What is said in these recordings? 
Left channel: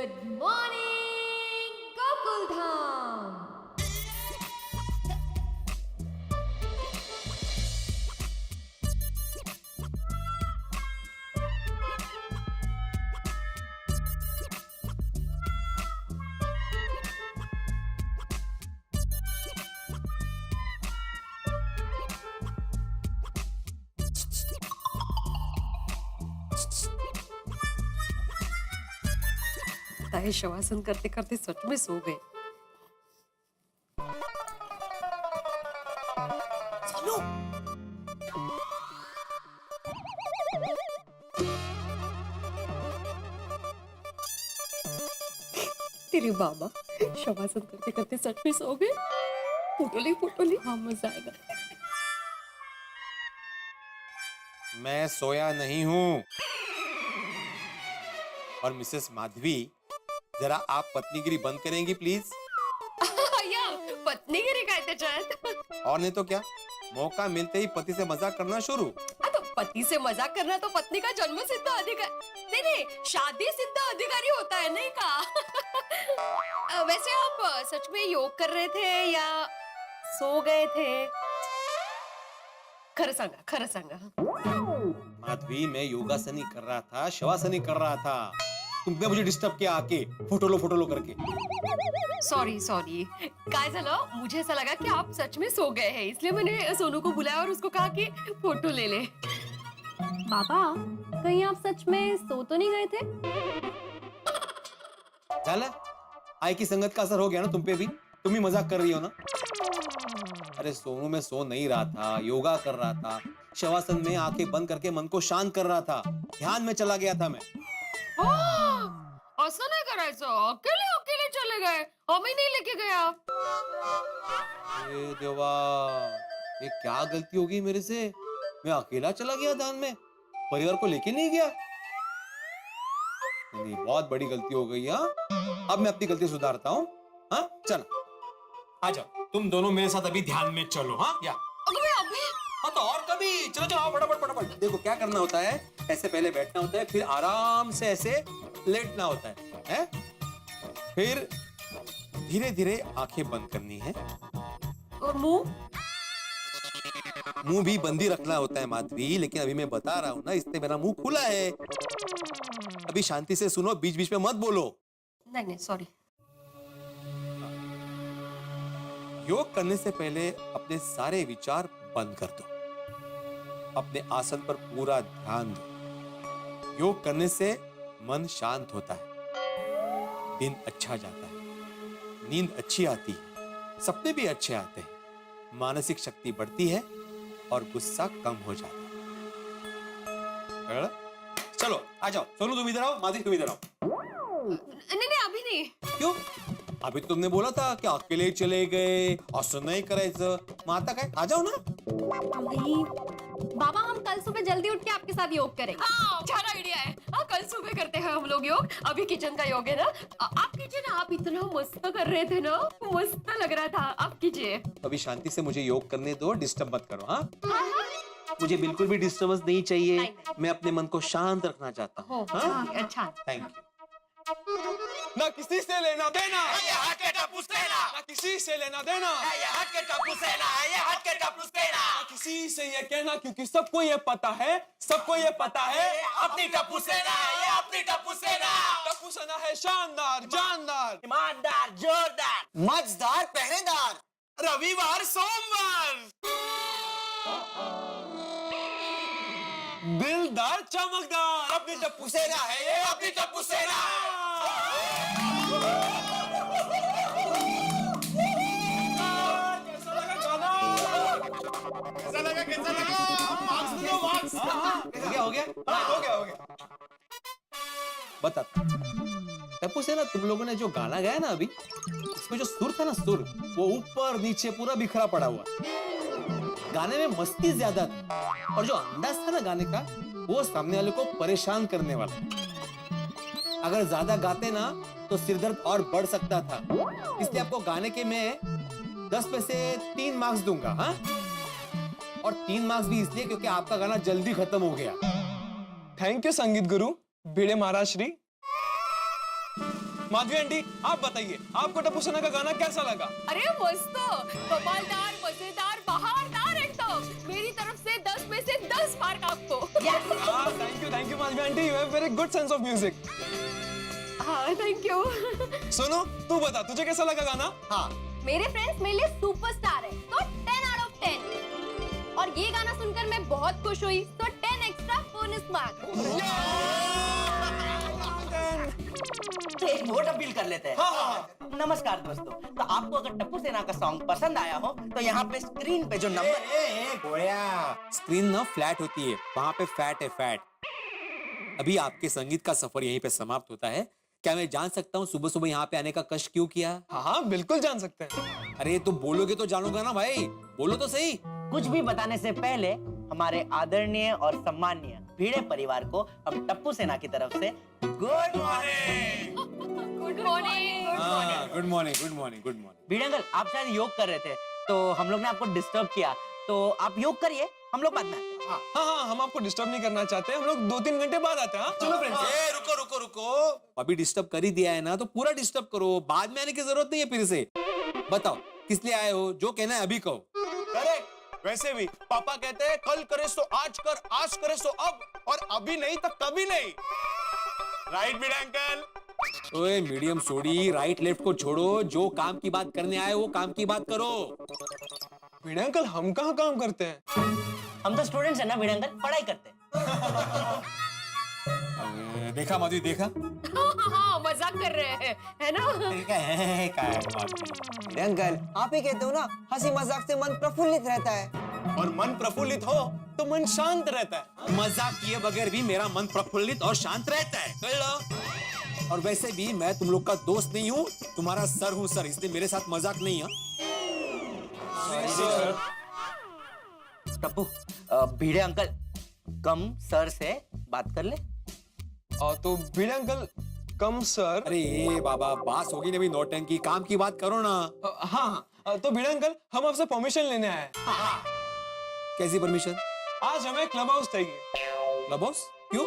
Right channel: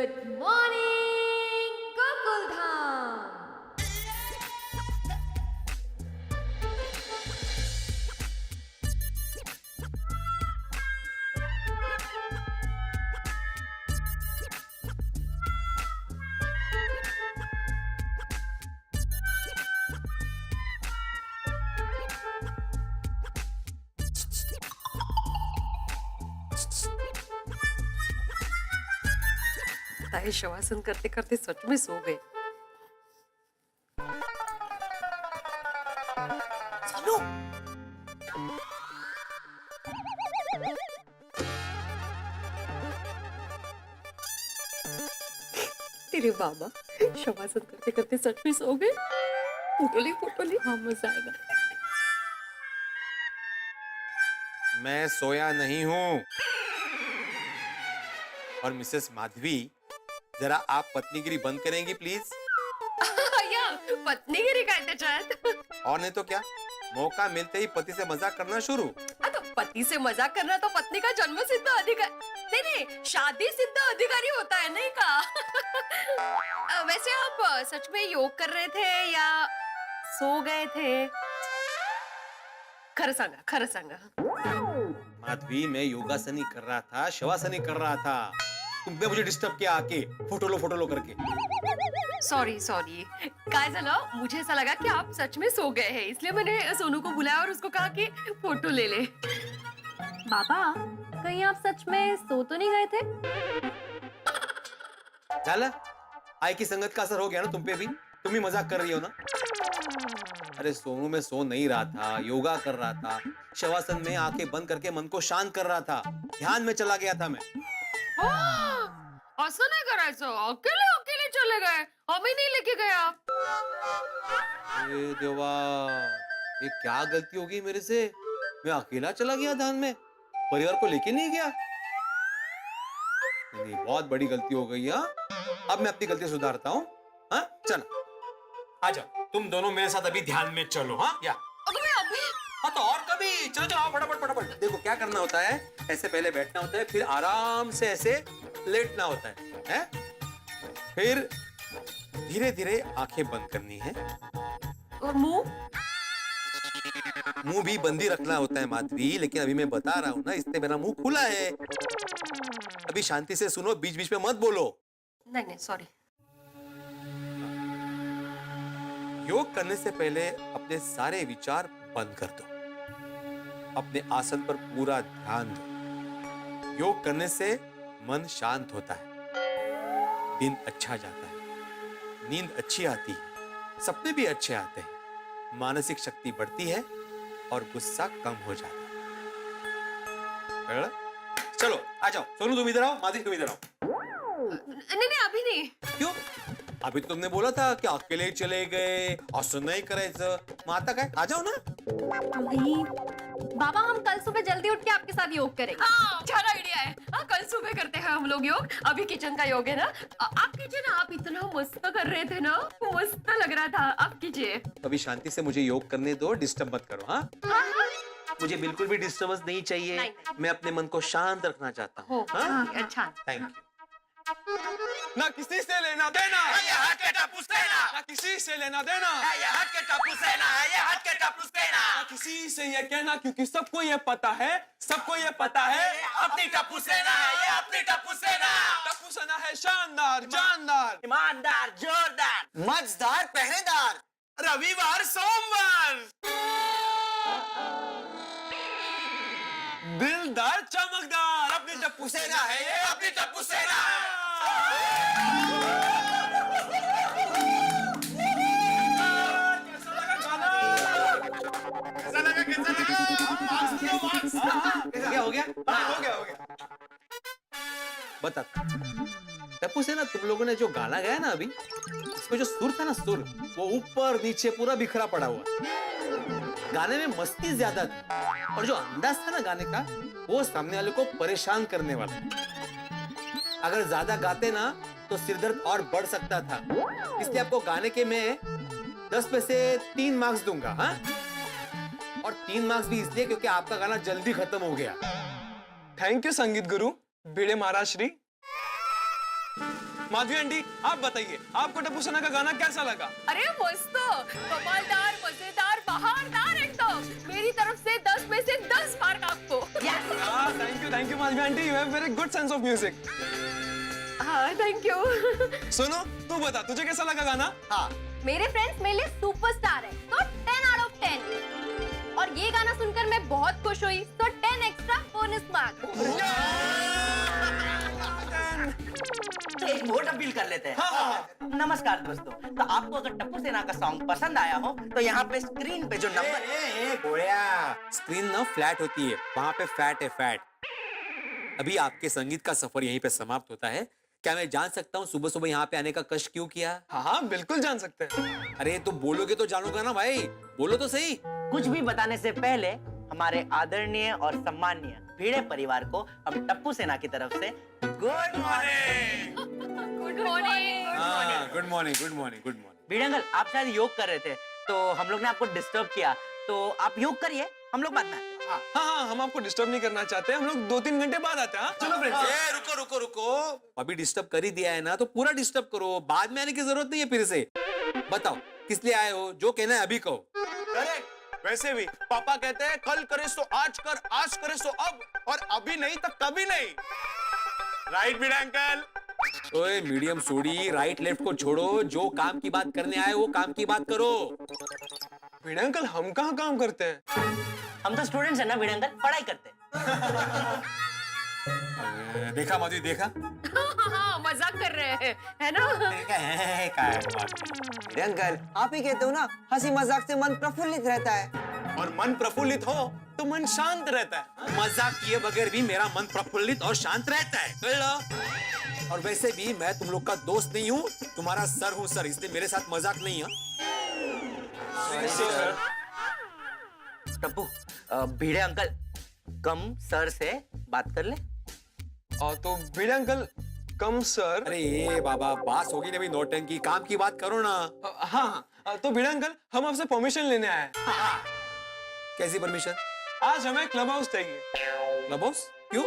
Good morning Gokul Dham. ताई शवासन करते करते सच में सो गए। चलो। तेरे बाबा शवासन करते करते सच में सो गए। फोटो ली हाँ मजा आएगा। मैं सोया नहीं हूं। और मिसेस माधवी, जरा आप पत्नीगिरी बंद करेंगी प्लीज। या पत्नीगिरी काय त्याच्यात? और नहीं तो क्या, मौका मिलते ही पति से मजाक करना शुरू। तो पति से मजाक करना तो पत्नी का जन्म सिद्ध अधिकार नहीं, शादी सिद्ध अधिकारी होता है नहीं का? वैसे आप सच में योग कर रहे थे या सो गए थे? खरं सांगा। माधवी, मैं योगासनी कर रहा था, शवासनी कर रहा था। तुमने मुझे डिस्टर्ब किया आके फोटो लो करके। सॉरी काय झालं, मुझे ऐसा लगा कि आप सच में सो गए हैं, इसलिए मैंने सोनू को बुलाया और उसको कहा कि फोटो ले ले। बाबा, कहीं आप सच में सो तो नहीं गए थे? झालं? आई की संगत का असर हो गया ना तुम पे भी। तुम ही मजाक कर रही हो ना। अरे सोनू, मैं सो नहीं रहा था, योगा कर रहा था। शवासन में आंखें बंद करके मन को शांत कर रहा था। ध्यान में चला गया था मैं। असं नाही करायचं, अकेले चले गए, हमें नहीं लेके गया। अरे देवा, ये क्या गलती हो गई मेरे से। मैं अकेला चला गया ध्यान में, परिवार को लेके नहीं गया। नहीं, बहुत बड़ी गलती हो गई। हाँ, अब मैं अपनी गलती सुधारता हूँ। हाँ, चलो आ जाओ, तुम दोनों मेरे साथ अभी ध्यान में चलो। हाँ, या अभी हाँ तो और कभी। चलो आओ, फटाफट। देखो क्या करना होता है, ऐसे पहले बैठना होता है, फिर आराम से ऐसे लेटना होता है? फिर धीरे धीरे आंखें बंद करनी है और मुंह भी बंद ही रखना होता है माधवी। लेकिन अभी मैं बता रहा हूं ना, इससे मेरा मुंह खुला है। अभी शांति से सुनो, बीच बीच में मत बोलो। नहीं सॉरी। योग करने से पहले अपने सारे विचार बंद कर दो। अपने आसन पर पूरा ध्यान दो। योग करने से मन शांत होता है, दिन अच्छा जाता है, नींद अच्छी आती है, सपने भी अच्छे आते हैं, मानसिक शक्ति बढ़ती है और गुस्सा कम हो जाता है। चलो आ जाओ। सोनू तुम इधर आओ, माधवी तुम इधर आओ। नहीं अभी नहीं। क्यों? अभी तुमने बोला था कि अकेले चले गए, असं नाही करायचं। मग आता काय, आ जाओ ना। नहीं बाबा, हम कल सुबह जल्दी उठ के आपके साथ योग करेंगे। अच्छा आइडिया है। कल सुबह करते हैं हम लोग योग। अभी किचन का योग है ना। आप कीजिए ना, आप इतना मस्त कर रहे थे ना, मस्त लग रहा था। आप कीजिए। अभी शांति से मुझे योग करने दो, डिस्टर्ब मत करो। हाँ, मुझे बिल्कुल भी डिस्टर्बेंस नहीं चाहिए। नहीं। मैं अपने मन को शांत रखना चाहता हूँ। हाँ? अच्छा। Thank you. ना किसी से लेना देना, ये हट के टपूस देना, ना किसी से लेना देना, ये हट के टपूस देना, ये हट के टपूस देना, ना किसी से ये कहना, क्योंकि सबको ये पता है, अपनी टपूस देना, ये अपनी टपूस देना। टप्पू सेना है शानदार, जानदार, ईमानदार, जोरदार, मजेदार, पहरेदार, रविवार सोमवार, दिलदार, चमकदार। अपनी टप्पू सेना है ये अपनी टपूस देना। कैसा लगा? मार्क्स। हो गया। हो गया। बता टप्पू से ना, तुम लोगों ने जो गाना गाया ना अभी, इसमें जो सुर था ना, सुर वो ऊपर नीचे पूरा बिखरा पड़ा हुआ। गाने में मस्ती ज्यादा थी और जो अंदाज था ना गाने का, वो सामने वाले को परेशान करने वाला। अगर ज्यादा गाते ना तो सिरदर्द और बढ़ सकता था। इसलिए आपको गाने के मैं 10 में से 3 मार्क्स दूंगा। हाँ, और 3 मार्क्स भी इसलिए क्योंकि आपका गाना जल्दी खत्म हो गया। थैंक यू संगीत गुरु भिड़े महाराज श्री। माधवी आंटी आप बताइए आपको टप्पू सेना का गाना कैसा लगा? अरे मस्त, कमालदार, मजेदार, बहारदार एकदम। मेरी तरफ से 10 में से 10 मार्क आपको। Thank you Madhavi aunty, you have very good sense of music. हाँ थैंक यू। सोनू तू बता तुझे कैसा लगा गाना? हाँ मेरे फ्रेंड्स मेरे लिए सुपरस्टार है, तो 10 आउट ऑफ 10। और ये गाना सुनकर मैं बहुत खुश हुई, तो 10 एक्स्ट्रा बोनस मार्क। तो एक वोट अपील कर लेते हैं। नमस्कार दोस्तों, तो आपको अगर टप्पू सेना का सॉन्ग पसंद आया हो तो यहाँ पे स्क्रीन पे जो नंबर स्क्रीन ना फ्लैट होती है, वहां पे फैट है फैट। अभी आपके संगीत का सफर यहीं पे समाप्त होता है। क्या मैं जान सकता हूँ सुबह सुबह यहाँ पे आने का कष्ट क्यों किया? हाँ बिल्कुल जान सकते हैं। अरे तो बोलोगे तो जानूंगा ना भाई, बोलो तो सही। कुछ भी बताने से पहले हमारे आदरणीय और सम्माननीय भिड़े परिवार को हम टप्पू सेना की तरफ से good morning. Good morning. Good morning good morning good morning. Bhide uncle, आप शायद योग कर रहे थे तो हम लोग ने आपको डिस्टर्ब किया, तो आप योग करिए, हम लोग बाद में आते हैं। हाँ हम आपको डिस्टर्ब नहीं करना चाहते, हम लोग 2-3 घंटे बाद आते हैं। चलो फ्रेंड्स। रुको रुको रुको, अभी डिस्टर्ब कर ही दिया है ना, तो पूरा डिस्टर्ब करो, बाद में आने की जरूरत नहीं है फिर से। बताओ किस लिए आए हो, जो कहना है अभी कहो। करेक्ट। वैसे भी पापा कहते हैं कल करे सो आज कर, आज करे सो अब, और अभी नहीं तो कभी नहीं। राइट भिड़ा अंकल? ओए मीडियम सोडी, राइट लेफ्ट को छोड़ो, जो काम की बात करने आए वो काम की बात करो। भिड़े अंकल हम कहाँ काम करते हैं? हम तो स्टूडेंट्स हैं ना भिड़े अंकल, पढ़ाई करते हैं। देखा माधवी देखा? हाँ मजाक कर रहे हैं, है ना? अंकल आप ही कहते हो ना, हंसी मजाक से मन प्रफुल्लित रहता है। और मन प्रफुल्लित हो तो मन शांत रहता है। मजाक किए बगैर भी मेरा मन प्रफुल्लित और शांत रहता है, कर लो। और वैसे भी मैं तुम लोग का दोस्त नहीं हूँ, तुम्हारा सर हूँ सर, इसलिए मेरे साथ मजाक नहीं है। टप्पू, भिड़े अंकल कम सर से बात कर ले। तो भिड़े अंकल कम सर। अरे ये बाबा बास होगी ना भी, नौटंकी, काम की बात करो ना। हाँ तो भिड़े अंकल हम आपसे परमिशन लेने आए हैं। कैसी परमिशन? आज हमें क्लब हाउस चाहिए। क्लब हाउस क्यों?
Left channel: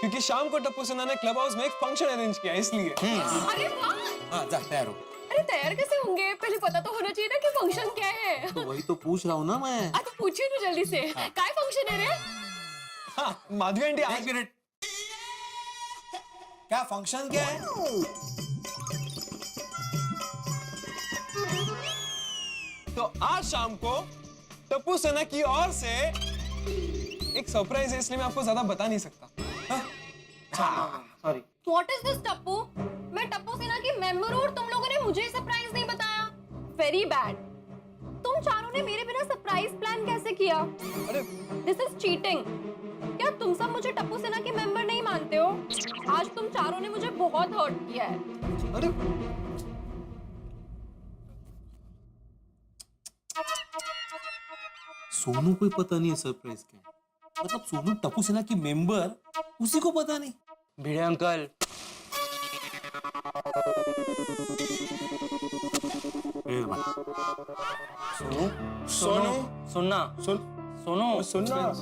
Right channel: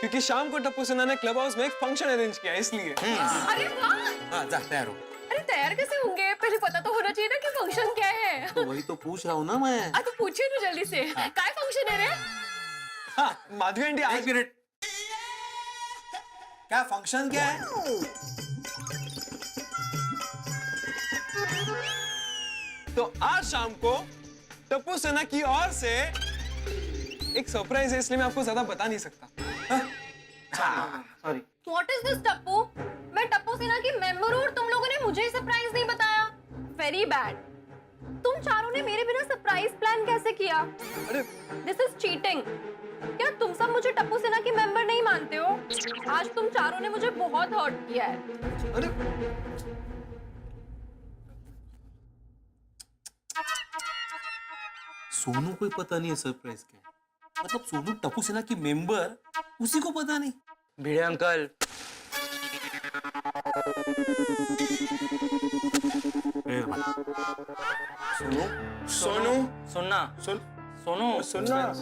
क्योंकि शाम को टप्पू सेना ने क्लब हाउस में एक फंक्शन अरेंज किया है, इसलिए। अरे वाह, हाँ जा तैयार हो। अरे तैयार कैसे होंगे? पहले पता तो होना चाहिए ना कि फंक्शन क्या है। तो वही तो पूछ रहा हूँ ना मैं। तो पूछिए ना जल्दी से, काय फंक्शन है रे? हाँ माधवी आंटी एक आज मिनट, क्या फंक्शन क्या है? तो आज शाम को टप्पू सेना की ओर से एक सरप्राइज है, इसलिए मैं आपको ज्यादा बता नहीं सकता। Sorry. What is this Tappu? मैं टप्पू सेना की मेंबर हूँ और तुम लोगों ने मुझे सरप्राइज नहीं बताया। Very bad. तुम चारों ने मेरे बिना सरप्राइज प्लान कैसे किया? अरे दिस इज चीटिंग। क्या तुम सब मुझे टप्पू सेना की मेंबर नहीं मानते हो? आज तुम चारों ने मुझे बहुत हर्ट किया है। अरे सोनू को पता नहीं है सरप्राइज क्या है। मतलब सोनू टप्पू सेना की मेंबर, उसी को पता नहीं। भिड़े अंकल, सोनू सोनू सुनना, सुन सोनू सुनना।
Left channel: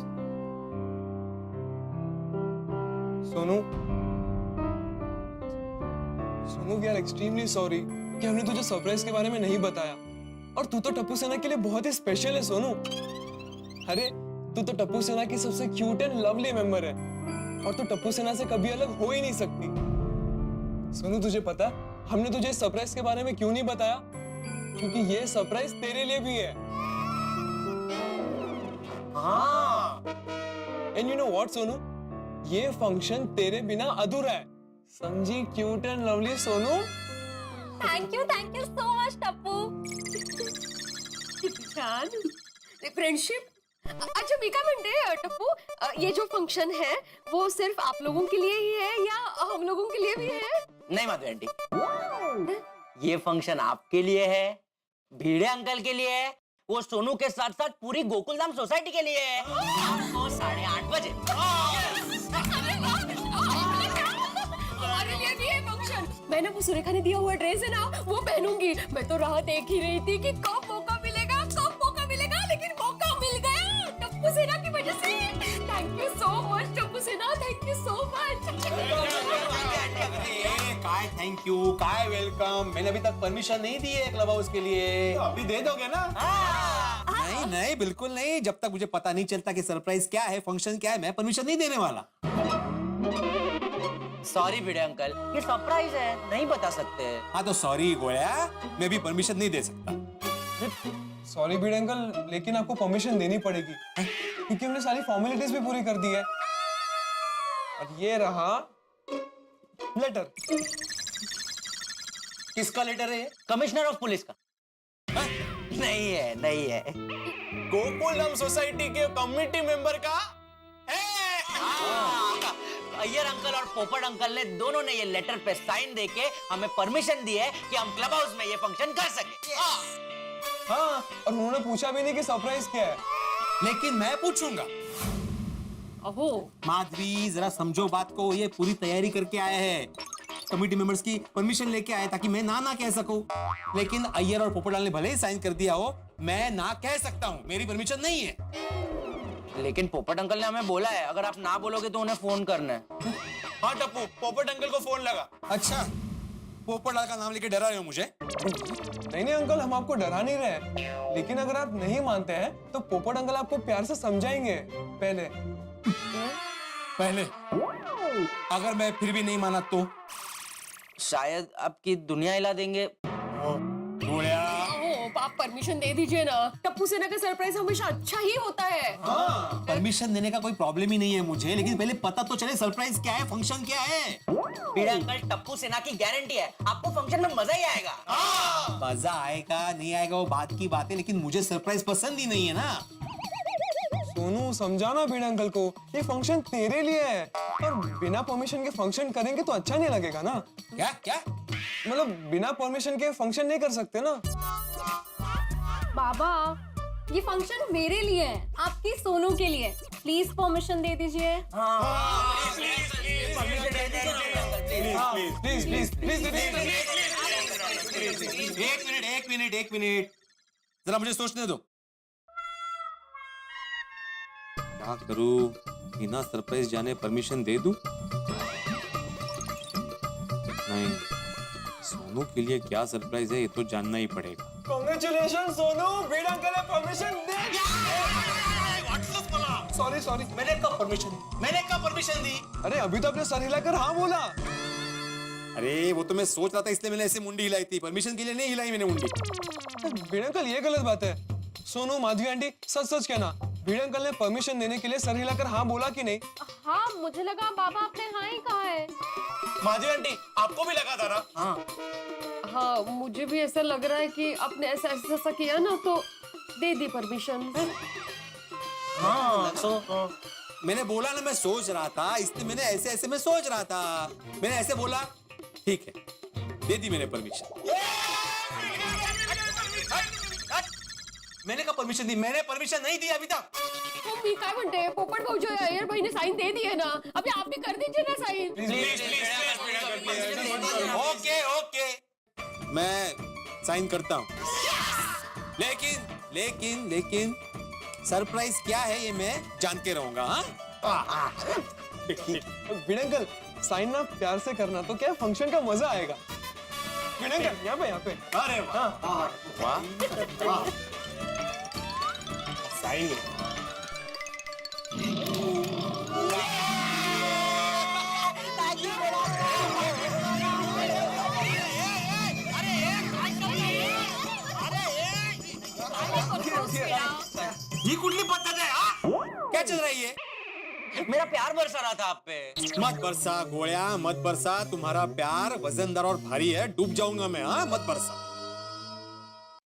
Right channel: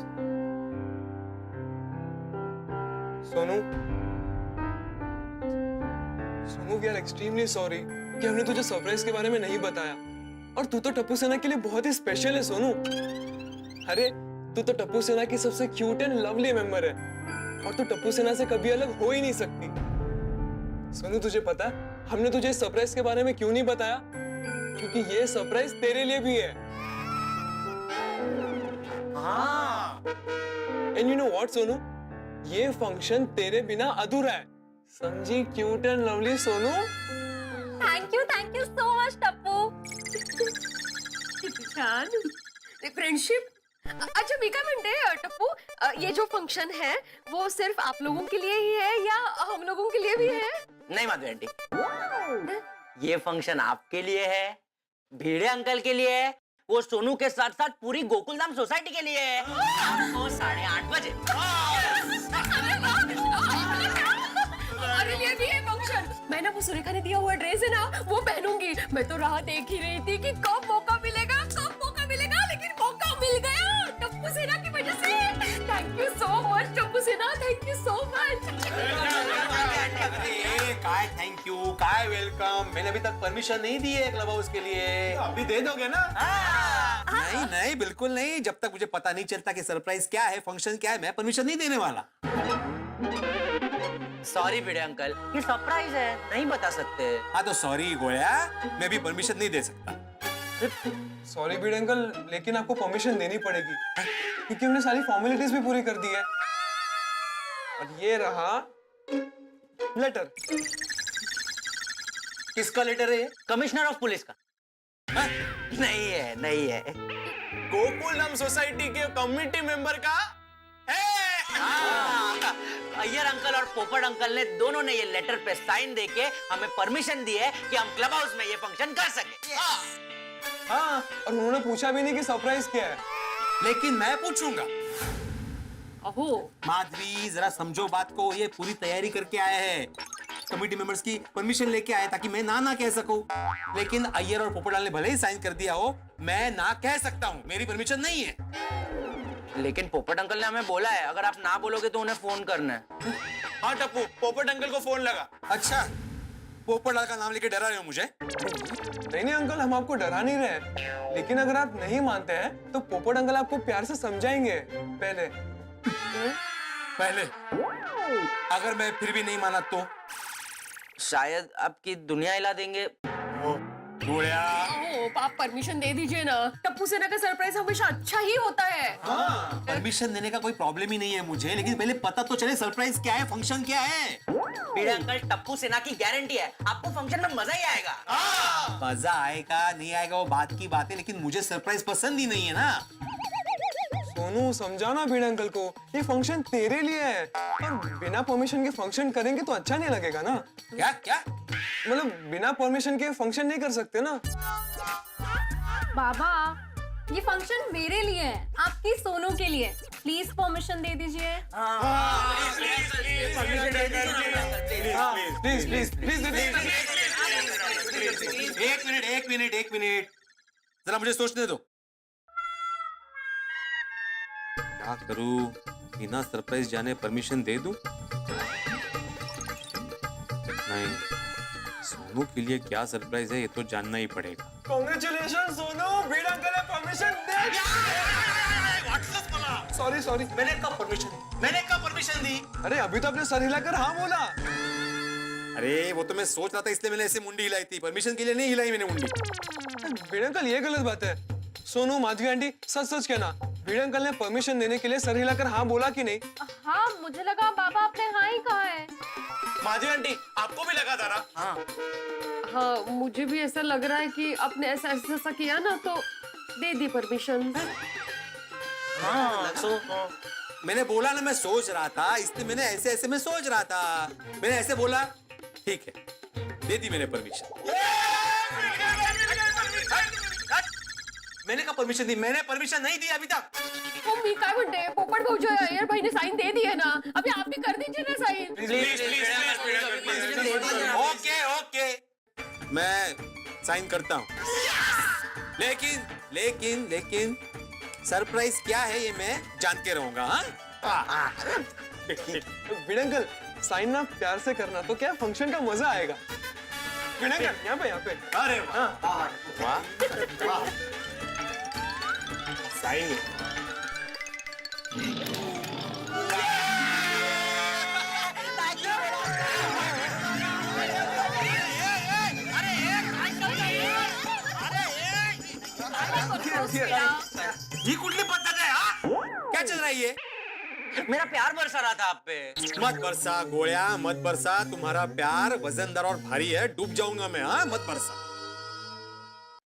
Sonu Sonu we are extremely sorry कि हमने तुझे सरप्राइज के बारे में नहीं बताया। और तू तो टप्पू सेना के लिए बहुत ही स्पेशल है सोनू। अरे तू तो टप्पू सेना की सबसे क्यूट एंड लवली मेंबर है, और तू टप्पू सेना से कभी अलग हो ही नहीं सकती। सोनू तुझे पता है हमने तुझे इस सरप्राइज के बारे में क्यों नहीं बताया? क्योंकि ये सरप्राइज तेरे लिए भी है। हाँ। And you know what Sonu, ये फंक्शन तेरे बिना अधूरा है। समझी cute and lovely Sonu? Thank you so much Tappu. किती छान फ्रेंडशिप। अच्छा मी काय म्हणते टप्पू, ये जो फंक्शन है वो सिर्फ आप लोगों के लिए ही है या हम लोगों के लिए भी है? नहीं माधवी आंटी, ये फंक्शन आपके लिए है, भिड़े अंकल के लिए है, वो सोनू के साथ साथ पूरी गोकुलधाम सोसाइटी के लिए है। शाम को 8:30 बजे। हमारे लिए भी है फंक्शन। मैं ना वो सुरेखा ने दिया हुआ ड्रेस है ना, वो पहनूंगी। मैं तो राह देख ही रही थी कि कब मौका मिलेगा, लेकिन मौका मिल गया टप्पू सेना की वजह से। Thank you so much Tappu सेना, थैंक यू सो मच। काय काय थैंक यू, काय वेलकम। मैंने अभी तक परमिशन नहीं दी है क्लब हाउस के लिए। तो अभी दे दोगे ना? नहीं नहीं, बिल्कुल नहीं। जब तक मुझे पता नहीं चलता कि सरप्राइज क्या है, फंक्शन क्या है, मैं परमिशन नहीं देने वाला। सॉरी भिड़े अंकल, ये सरप्राइज है, नहीं बता सकते। हाँ तो सॉरी गोया, मैं भी परमिशन नहीं दे सकता। सॉरी भिड़े अंकल, लेकिन आपको परमिशन देनी पड़ेगी क्योंकि हमने सारी फॉर्मेलिटीज भी पूरी कर दी है। और ये रहा लेटर। किसका लेटर है ये? कमिश्नर ऑफ पुलिस का। नहीं है, नहीं है। गोकुलम सोसाइटी के कमिटी मेंबर का अय्यर अंकल और पोपट अंकल ने दोनों ने ये लेटर पे साइन देके हमें परमिशन दी है कि हम क्लब हाउस में ये फंक्शन कर सके। हाँ, और उन्होंने पूछा भी नहीं कि सरप्राइज क्या है। लेकिन मैं पूछूंगा। अहो माधवी जरा समझो बात को, ये पूरी तैयारी करके आए हैं, कमिटी मेंबर्स की परमिशन लेके आए ताकि मैं ना कह सकूं। लेकिन अय्यर और पोपटलाल ने भले ही साइन कर दिया हो, मैं ना कह सकता हूं, मेरी परमिशन नहीं है। लेकिन पोपट अंकल ने हमें बोला है अगर आप ना बोलोगे तो उन्हें फोन करना है। हाँ टप्पू, पोपट अंकल को फोन लगा। अच्छा, पोपटलाल का नाम लेके डरा रहे हो मुझे? नहीं नहीं अंकल, हम आपको डरा नहीं रहे, लेकिन अगर आप नहीं मानते हैं तो पोपट अंकल आपको प्यार से समझाएंगे। पहले अगर मैं फिर भी नहीं माना तो? शायद आपकी दुनिया हिला देंगे। आप परमिशन दे दीजिए ना, टप्पू सेना का सरप्राइज हमेशा अच्छा ही होता है। परमिशन देने का कोई प्रॉब्लम ही नहीं है मुझे, लेकिन पहले पता तो चले सरप्राइज क्या है, फंक्शन क्या है। भिड़े अंकल, टप्पू सेना की गारंटी है आपको फंक्शन में मजा ही आएगा। मजा आएगा नहीं आएगा वो बात की बात है, लेकिन मुझे सरप्राइज पसंद ही नहीं है ना। सोनू समझाना भिड़े अंकल को, ये फंक्शन तेरे लिए है, और बिना परमिशन के फंक्शन करेंगे तो अच्छा नहीं लगेगा ना। क्या क्या? मतलब बिना परमिशन के फंक्शन नहीं कर सकते ना। बाबा, ये फंक्शन मेरे लिए है, आपकी सोनू के लिए। प्लीज परमिशन दे दीजिए। प्लीज प्लीज प्लीज एक मिनट जरा मुझे सोचने दो। क्या करूं, बिना सरप्राइज जाने परमिशन दे दूं? नहीं, सोनू के लिए क्या सरप्राइज है ये तो जानना ही पड़ेगा। कांग्रेचुलेशन सोनू, भिड़े अंकल ने परमिशन दे। सॉरी, मैंने कब परमिशन दी? अरे अभी तो आपने सर हिलाकर हाँ बोला। अरे वो तो मैं सोच रहा था, इसलिए मैंने ऐसे मुंडी हिलाई थी, परमिशन के लिए नहीं हिलाई मैंने मुंडी। भिड़े अंकल ये गलत बात है। सोनू, माधवी आंटी, सच कहना, भिड़े अंकल ने परमिशन देने के लिए सर हिलाकर हाँ बोला कि नहीं? हाँ, मुझे लगा बाबा आपने हाँ ही कहा है। माधवी आंटी, आपको भी लगा था ना? हाँ, मुझे भी ऐसा लग रहा है कि आपने ऐसा किया ना तो दे दी परमिशन। मैंने बोला ना मैं सोच रहा था, इसलिए मैंने ऐसे में सोच रहा था। मैंने ऐसे बोला, ठीक है, दे दी मैंने परमिशन। मैंने कहा परमिशन दी? मैंने परमिशन नहीं दी अभी तक। मी काय म्हणते, पोपट भाऊ जो अय्यर भाई ने साइन दे दी है ना, अभी आप भी कर दीजिए ना साइन। ओके, मैं साइन करता हूँ, लेकिन सरप्राइज क्या है ये मैं जान के रहूंगा। हाँ, भिड़े अंकल, साइन ना प्यार से करना तो क्या फंक्शन का मजा आएगा। भिड़े अंकल, यहाँ पे। अरे वाह, साइन। ये कुठली पद्धत है? क्या चल रहा है ये? मेरा प्यार बरसा रहा था आप पे। मत बरसा गोया, मत बरसा। तुम्हारा प्यार वजनदार और भारी है, डूब जाऊंगा मैं। हाँ, मत बरसा।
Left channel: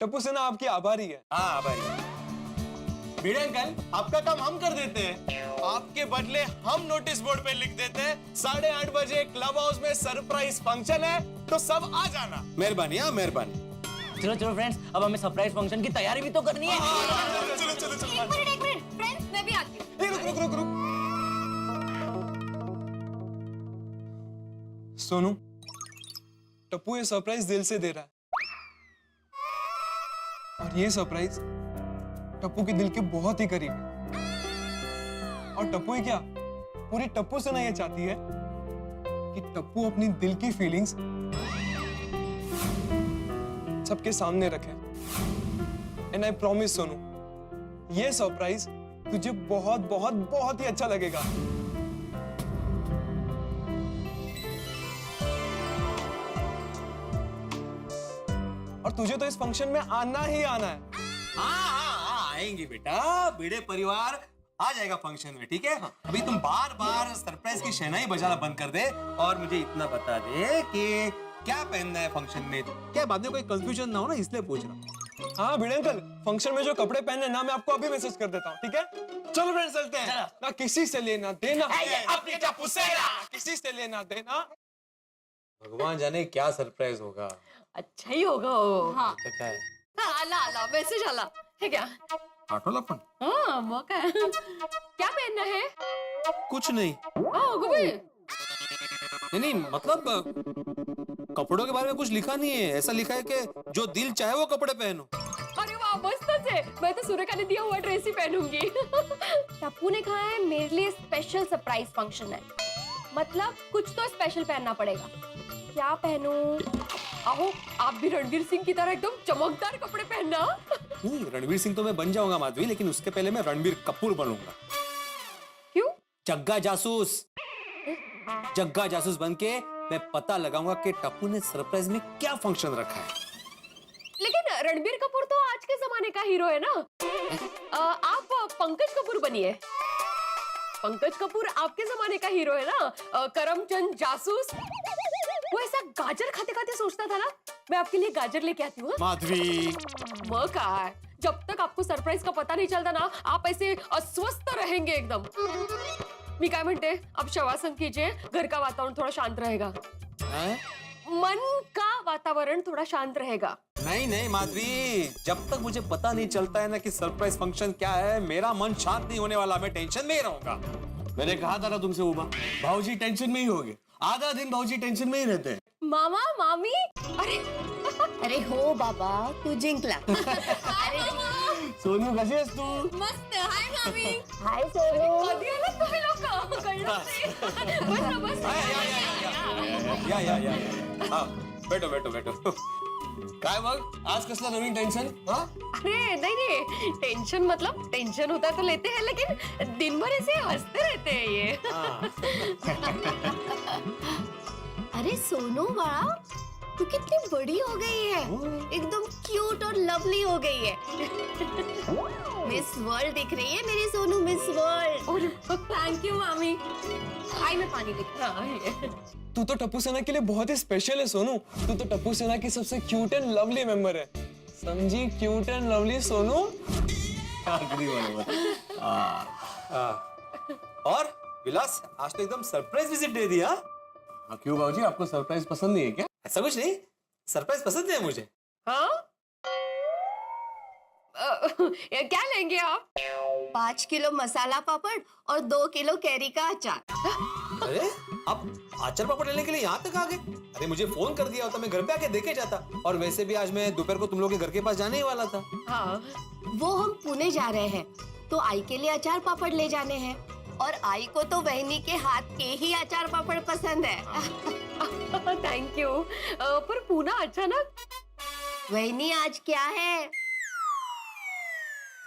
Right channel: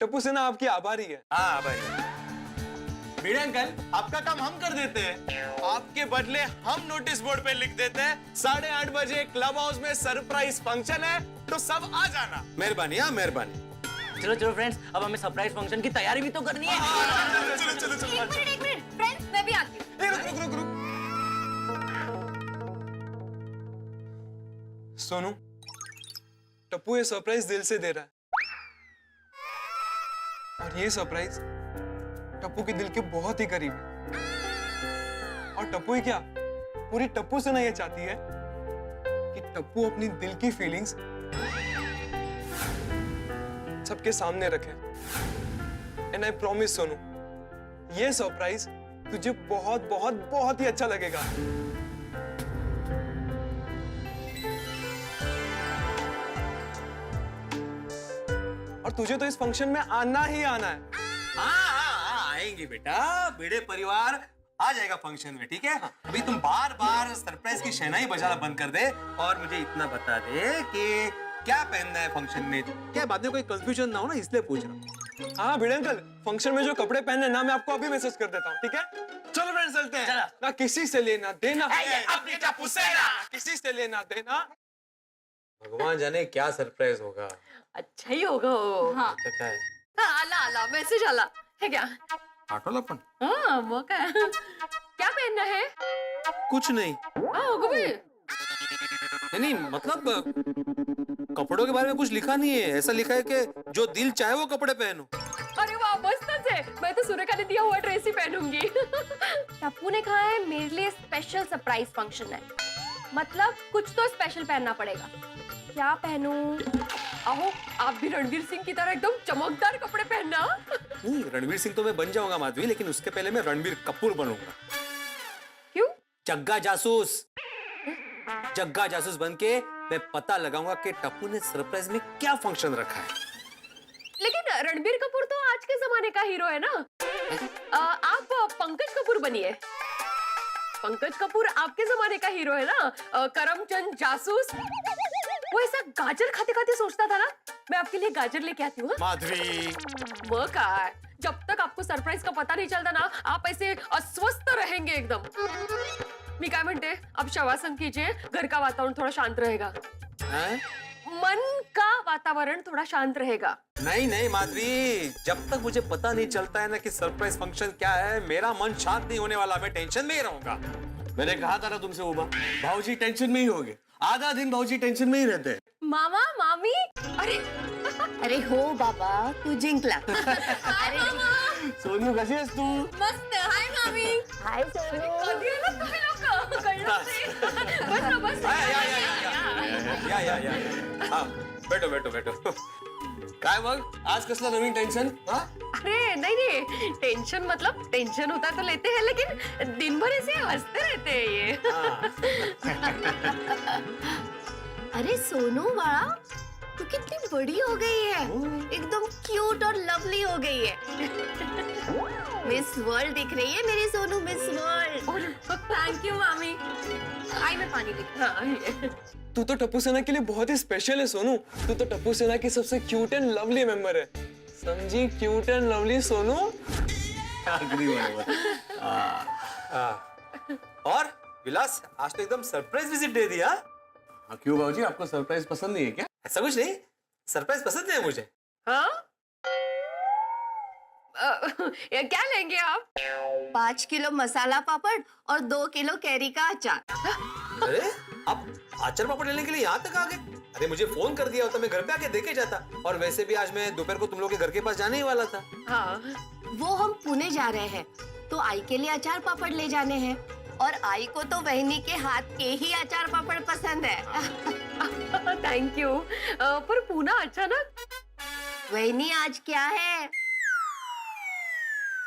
टप्पू सेना आपकी आभारी है। हाँ भाई। भिड़े अंकल, आपका काम हम कर देते हैं, आपके बदले हम नोटिस बोर्ड पे लिख देते हैं 8:30 बजे क्लब हाउस में सरप्राइज फंक्शन है, तो सब आ जाना। मेहरबानी। हाँ, मेहरबानी। चलो फ्रेंड्स, अब हमें सरप्राइज फंक्शन की तैयारी भी तो करनी है। चलो। एक मिनट फ्रेंड्स, मैं भी आती हूँ। रुक। सोनू, टप्पू ये सरप्राइज दिल से दे रहा है, और ये सरप्राइज टप्पू के दिल के बहुत ही करीब है। और टप्पू ही क्या, पूरी टप्पू सेना ये चाहती है कि टप्पू अपनी दिल की फीलिंग्स सबके सामने रखे। एंड आई प्रॉमिस सोनू, ये सरप्राइज तुझे बहुत बहुत बहुत ही अच्छा लगेगा। और तुझे तो इस फंक्शन में आना ही आना है। हाँ, आएंगे बेटा, भिड़े परिवार आ जाएगा फंक्शन में, ठीक है? अभी तुम बार बार सरप्राइज की शहनाई बजाना बंद कर दे और मुझे इतना बता दे कि क्या पहनना है फंक्शन में। क्या बाद में कोई कंफ्यूजन ना हो ना, इसलिए पूछ रहा हूँ। हाँ भिड़े अंकल, फंक्शन में जो कपड़े पहनने ना, मैं आपको अभी मैसेज कर देता हूँ, ठीक है? चलो फ्रेंड्स, चलते हैं। ना किसी से लेना देना, अपनी टप्पू से ना। किसी से लेना देना। भगवान जाने क्या सरप्राइज होगा। अच्छा ही होगा वो। हाँ पता है हाँ, आला मैसेज आला है क्या? आठोलापन हाँ, मौका है। क्या पहनना है? कुछ नहीं। हाँ, होगा भी। नहीं मतलब कपड़ों के बारे में कुछ लिखा नहीं है। ऐसा लिखा है कि जो दिल चाहे वो कपड़े पहनो। अरे वाह, मस्त है। मैं तो सुरेखा ने दिया हुआ ड्रेस ही पहनूंगी। टप्पू ने कहा है मेरे लिए स्पेशल सरप्राइज फंक्शन है, मतलब कुछ तो स्पेशल पहनना पड़ेगा। क्या पहनूं? आओ, आप भी रणवीर सिंह की तरह एकदम चमकदार कपड़े पहनना। नहीं, रणवीर सिंह तो मैं बन जाऊंगा माधवी, लेकिन उसके पहले मैं रणवीर कपूर बनूंगा। क्यों? जग्गा जासूस। जग्गा जासूस बन के मैं पता लगाऊंगा कि टप्पू ने सरप्राइज में क्या फंक्शन रखा है। लेकिन रणबीर कपूर तो आज के जमाने का हीरो है ना। आप पंकज कपूर बनिए। पंकज कपूर आपके जमाने का हीरो है ना। करमचंद जासूस, वो ऐसा गाजर खाते खाते सोचता था ना, मैं आपके लिए गाजर लेके आती हूँ। माधवी, वो का जब तक आपको सरप्राइज का पता नहीं चलता ना, आप ऐसे अस्वस्थ रहेंगे एकदम। मी काय म्हणते, आप शवासन कीजिए, घर का वातावरण थोड़ा शांत रहेगा। हैं? मन का वातावरण थोड़ा शांत रहेगा। नहीं नहीं माधवी, जब तक मुझे पता नहीं चलता है ना कि सरप्राइज फंक्शन क्या है, मेरा मन शांत नहीं होने वाला। मैं टेंशन में ही रहूंगा। मैंने कहा था ना तुमसे उमा, भाऊजी टेंशन में ही होगे। आधा दिन भाऊजी टेंशन में ही रहते हैं। मामा मामी, अरे अरे हो बाबा, तू जिंकला. सोनू कशी आहेस तू? मस्त. हाय मामी. हाय सोनू. कधी आलात तुम्ही लोक? कळलं नाही. बस ना, बस. या हा, बैठो काय मग आज कसला नवीन टेन्शन? हा? अरे नहीं, टेंशन मतलब टेंशन होता है तो लेते हैं, लेकिन दिन भर ऐसे हंसते रहते हैं ये. अरे सोनू बाळा, तू कितनी बड़ी हो गई है, एकदम क्यूट और लवली हो गई है. मिस वर्ल्ड दिख रही है मेरी Sonu, miss world. Thank you मामी. आई मैं पानी लेके. हाँ, ये. तू तो टप्पू सेना के लिए बहुत ही स्पेशल है सोनू. तू तो टप्पू सेना की सबसे क्यूट एंड लवली मेंबर है. समझी? Cute and lovely Sonu. अगदी बरोबर. और विलास, आज तो एकदम सरप्राइज विजिट दे दिया. हाँ, क्यों भाऊजी, आपको सरप्राइज पसंद नहीं है क्या? ऐसा कुछ नहीं, सरप्राइज पसंद है मुझे. हाँ? क्या लेंगे आप? 5 किलो मसाला पापड़ और 2 किलो कैरी का अचार. अरे आप आचार पापड़ लेने के लिए यहाँ तक आ गए? अरे मुझे फोन कर दिया होता, मैं घर पे आके देखे जाता. और वैसे भी आज मैं दोपहर को तुम लोग के घर के पास जाने ही वाला था. हाँ. वो हम पुणे जा रहे हैं, तो आई के लिए अचार पापड़ ले जाने हैं, और आई को तो वहनी के हाथ के ही अचार पापड़ पसंद है. Thank you. पर पूना अचानक? वहनी आज क्या है?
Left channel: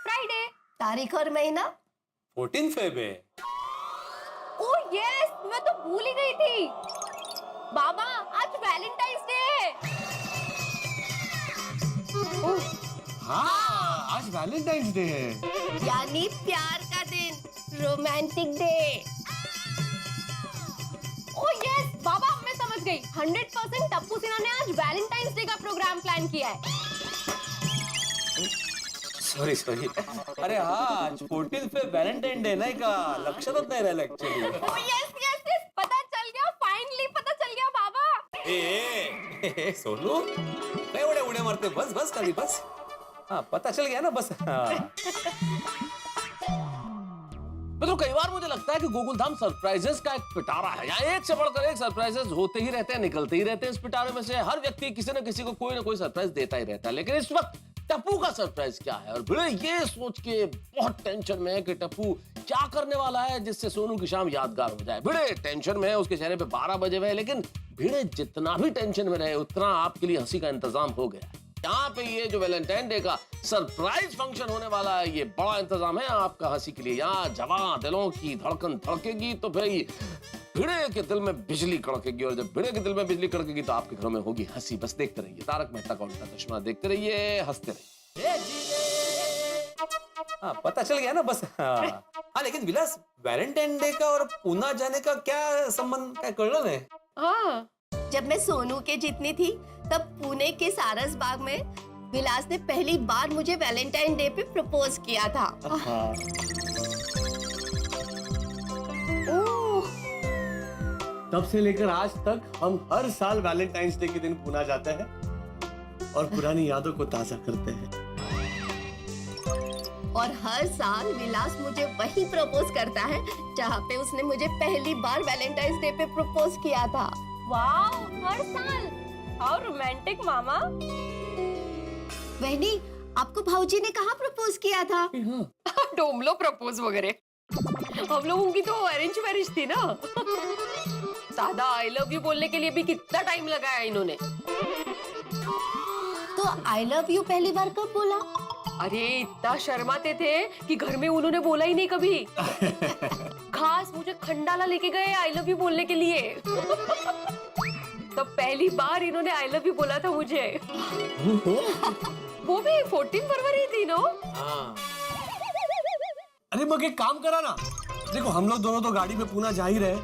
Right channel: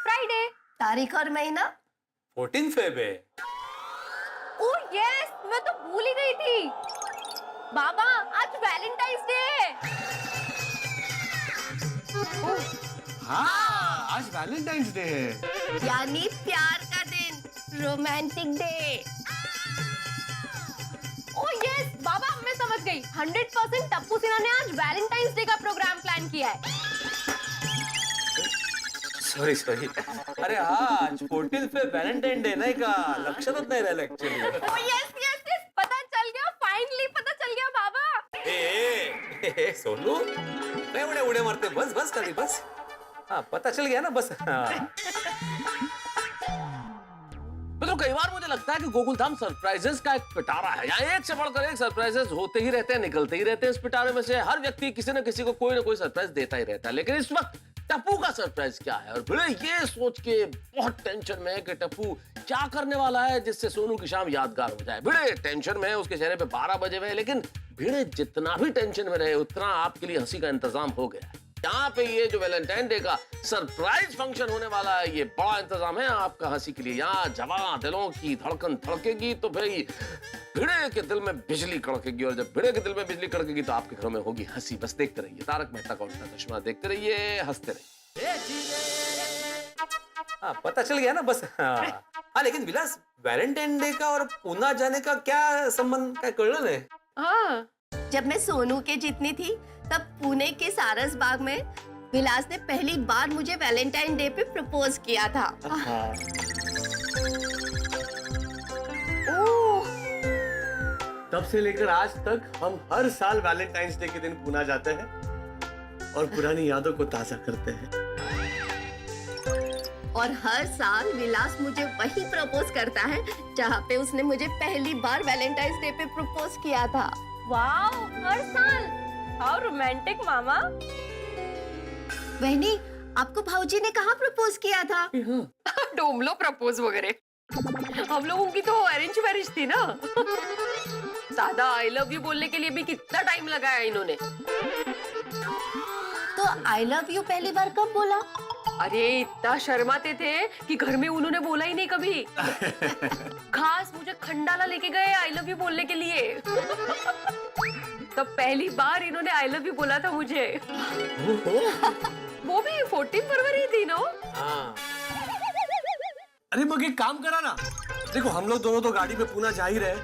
फ्राइडे. तारीख और महीना? 14 फेब है. ओह यस, मैं तो भूल ही गई थी. बाबा, आज वैलेंटाइंस डे है. हाँ, आज वैलेंटाइंस डे है. यानी प्यार का दिन, रोमांटिक डे. ओह यस बाबा, मैं समझ गई. 100% टप्पू सिन्हा ने आज वैलेंटाइंस डे का प्रोग्राम प्लान किया है. सॉरी. अरे हाँ, आज 14 फेब वैलेंटाइन डे नाही का? लक्षातच नाही राहिलं ऍक्च्युअली. ओह यस, पता चल गया. फाइनली पता चल गया बाबा. ए सोनू, काय एवढे उड्या मारते? बस खाली बस. हाँ, पता चल गया ना, बस. हाँ. मतलब कई बार मुझे लगता है कि गोकुलधाम सरप्राइजेस का एक पिटारा है. यहाँ एक से बढ़कर एक सरप्राइजेस होते ही रहते हैं, निकलते ही रहते हैं. इस पिटारे में से हर व्यक्ति किसी न किसी को कोई ना कोई सरप्राइज देता ही रहता है. लेकिन इस वक्त टप्पू का सरप्राइज क्या है। और भिड़े ये सोच के बहुत टेंशन में है कि टप्पू क्या करने वाला है जिससे सोनू की शाम यादगार हो जाए। भिड़े टेंशन में है, उसके चेहरे पे 12 बजे हुए हैं, लेकिन भिड़े जितना भी टेंशन में रहे उतना आपके लिए हंसी का इंतजाम हो गया है। यहाँ पे ये जो वैलेंटाइन डे का सरप्राइज फंक्शन होने वाला है, ये बड़ा इंतजाम है आपका हंसी के लिए। यहाँ जवां दिलों की धड़कन धड़केगी तो भाई भिड़े के दिल में बिजली कड़केगी, और जब भिड़े के दिल में बिजली कड़केगी तो आपके घरों में होगी हंसी। बस देखते रहिए तारक मेहता का उल्टा चश्मा, देखते रहिए, हंसते रहिए। हाँ, पता चल गया ना बस। हाँ लेकिन विलास, वैलेंटाइन डे का और पूना जाने का क्या संबंध, क्या कळलं नाही? हाँ जब मैं सोनू के जितनी थी तब पुणे के सारस बाग में विलास ने पहली बार मुझे वैलेंटाइन डे पे प्रपोज किया था। ओह, तब से लेकर आज तक हम हर साल वैलेंटाइंस डे के दिन पुणे जाते हैं और पुरानी यादों को ताजा करते हैं। और हर साल विलास मुझे वही प्रपोज करता है जहाँ पे उसने मुझे पहली बार वैलेंटाइंस डे पे प्रपोज किया था। वाओ, हर साल। हाउ रोमांटिक मामा। बहनी, आपको भाऊजी ने कहाँ प्रपोज किया था? डोमलो प्रपोज वगैरह। हम लोगों की तो अरेंज मैरिज थी ना। सादा आई लव यू बोलने के लिए भी कितना टाइम लगाया इन्होंने। तो आई लव यू पहली बार कब बोला? अरे इतना शर्माते थे कि घर में उन्होंने बोला ही नहीं कभी। खास मुझे खंडाला लेके गए आई लव यू बोलने के लिए। तब पहली बार इन्होंने आई लव यू बोला था मुझे। वो भी 14 फरवरी थी ना। अरे मग एक काम करा ना, देखो हम लोग दोनों तो गाड़ी में पुणे जा ही रहे,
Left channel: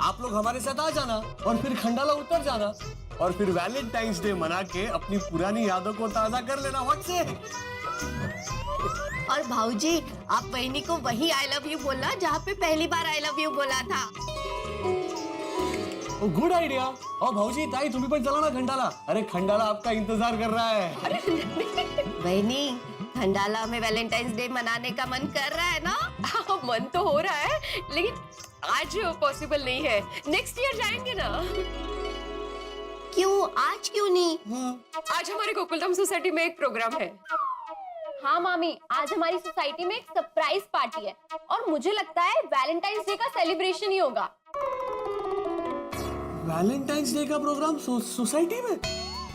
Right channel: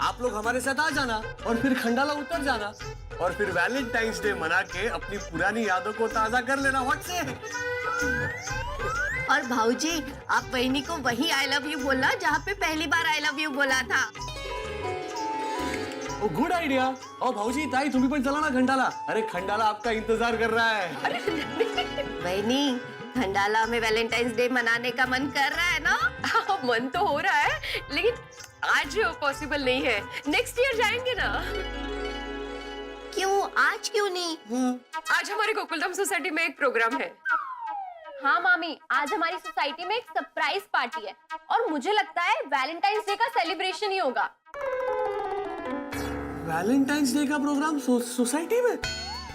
आप लोग हमारे साथ आ जाना और फिर खंडाला उतर जाना और फिर वैलेंटाइंस डे मना के अपनी पुरानी यादों को ताजा कर लेना। व्हाट से? और भाऊजी, आप बहनी को वही आई लव यू बोलना जहाँ पे पहली बार आई लव यू बोला था। ओ गुड आइडिया। और भाऊजी, ताई तुम्ही पण चला ना खंडाला। अरे खंडाला आपका इंतजार कर रहा है। बहनी, खंडाला में वैलेंटाइंस डे मनाने का मन कर रहा है ना? हाँ, मन तो हो रहा है लेकिन आज पॉसिबल नहीं है। नेक्स्ट ईयर जाएंगे ना। क्यों, आज क्यों नहीं? आज हमारी गोकुलधाम सोसाइटी में एक प्रोग्राम है। हाँ मामी, आज हमारी सोसाइटी में एक सरप्राइज पार्टी है और मुझे लगता है वैलेंटाइंस डे का सेलिब्रेशन ही होगा। वैलेंटाइंस डे का प्रोग्राम सोसाइटी में?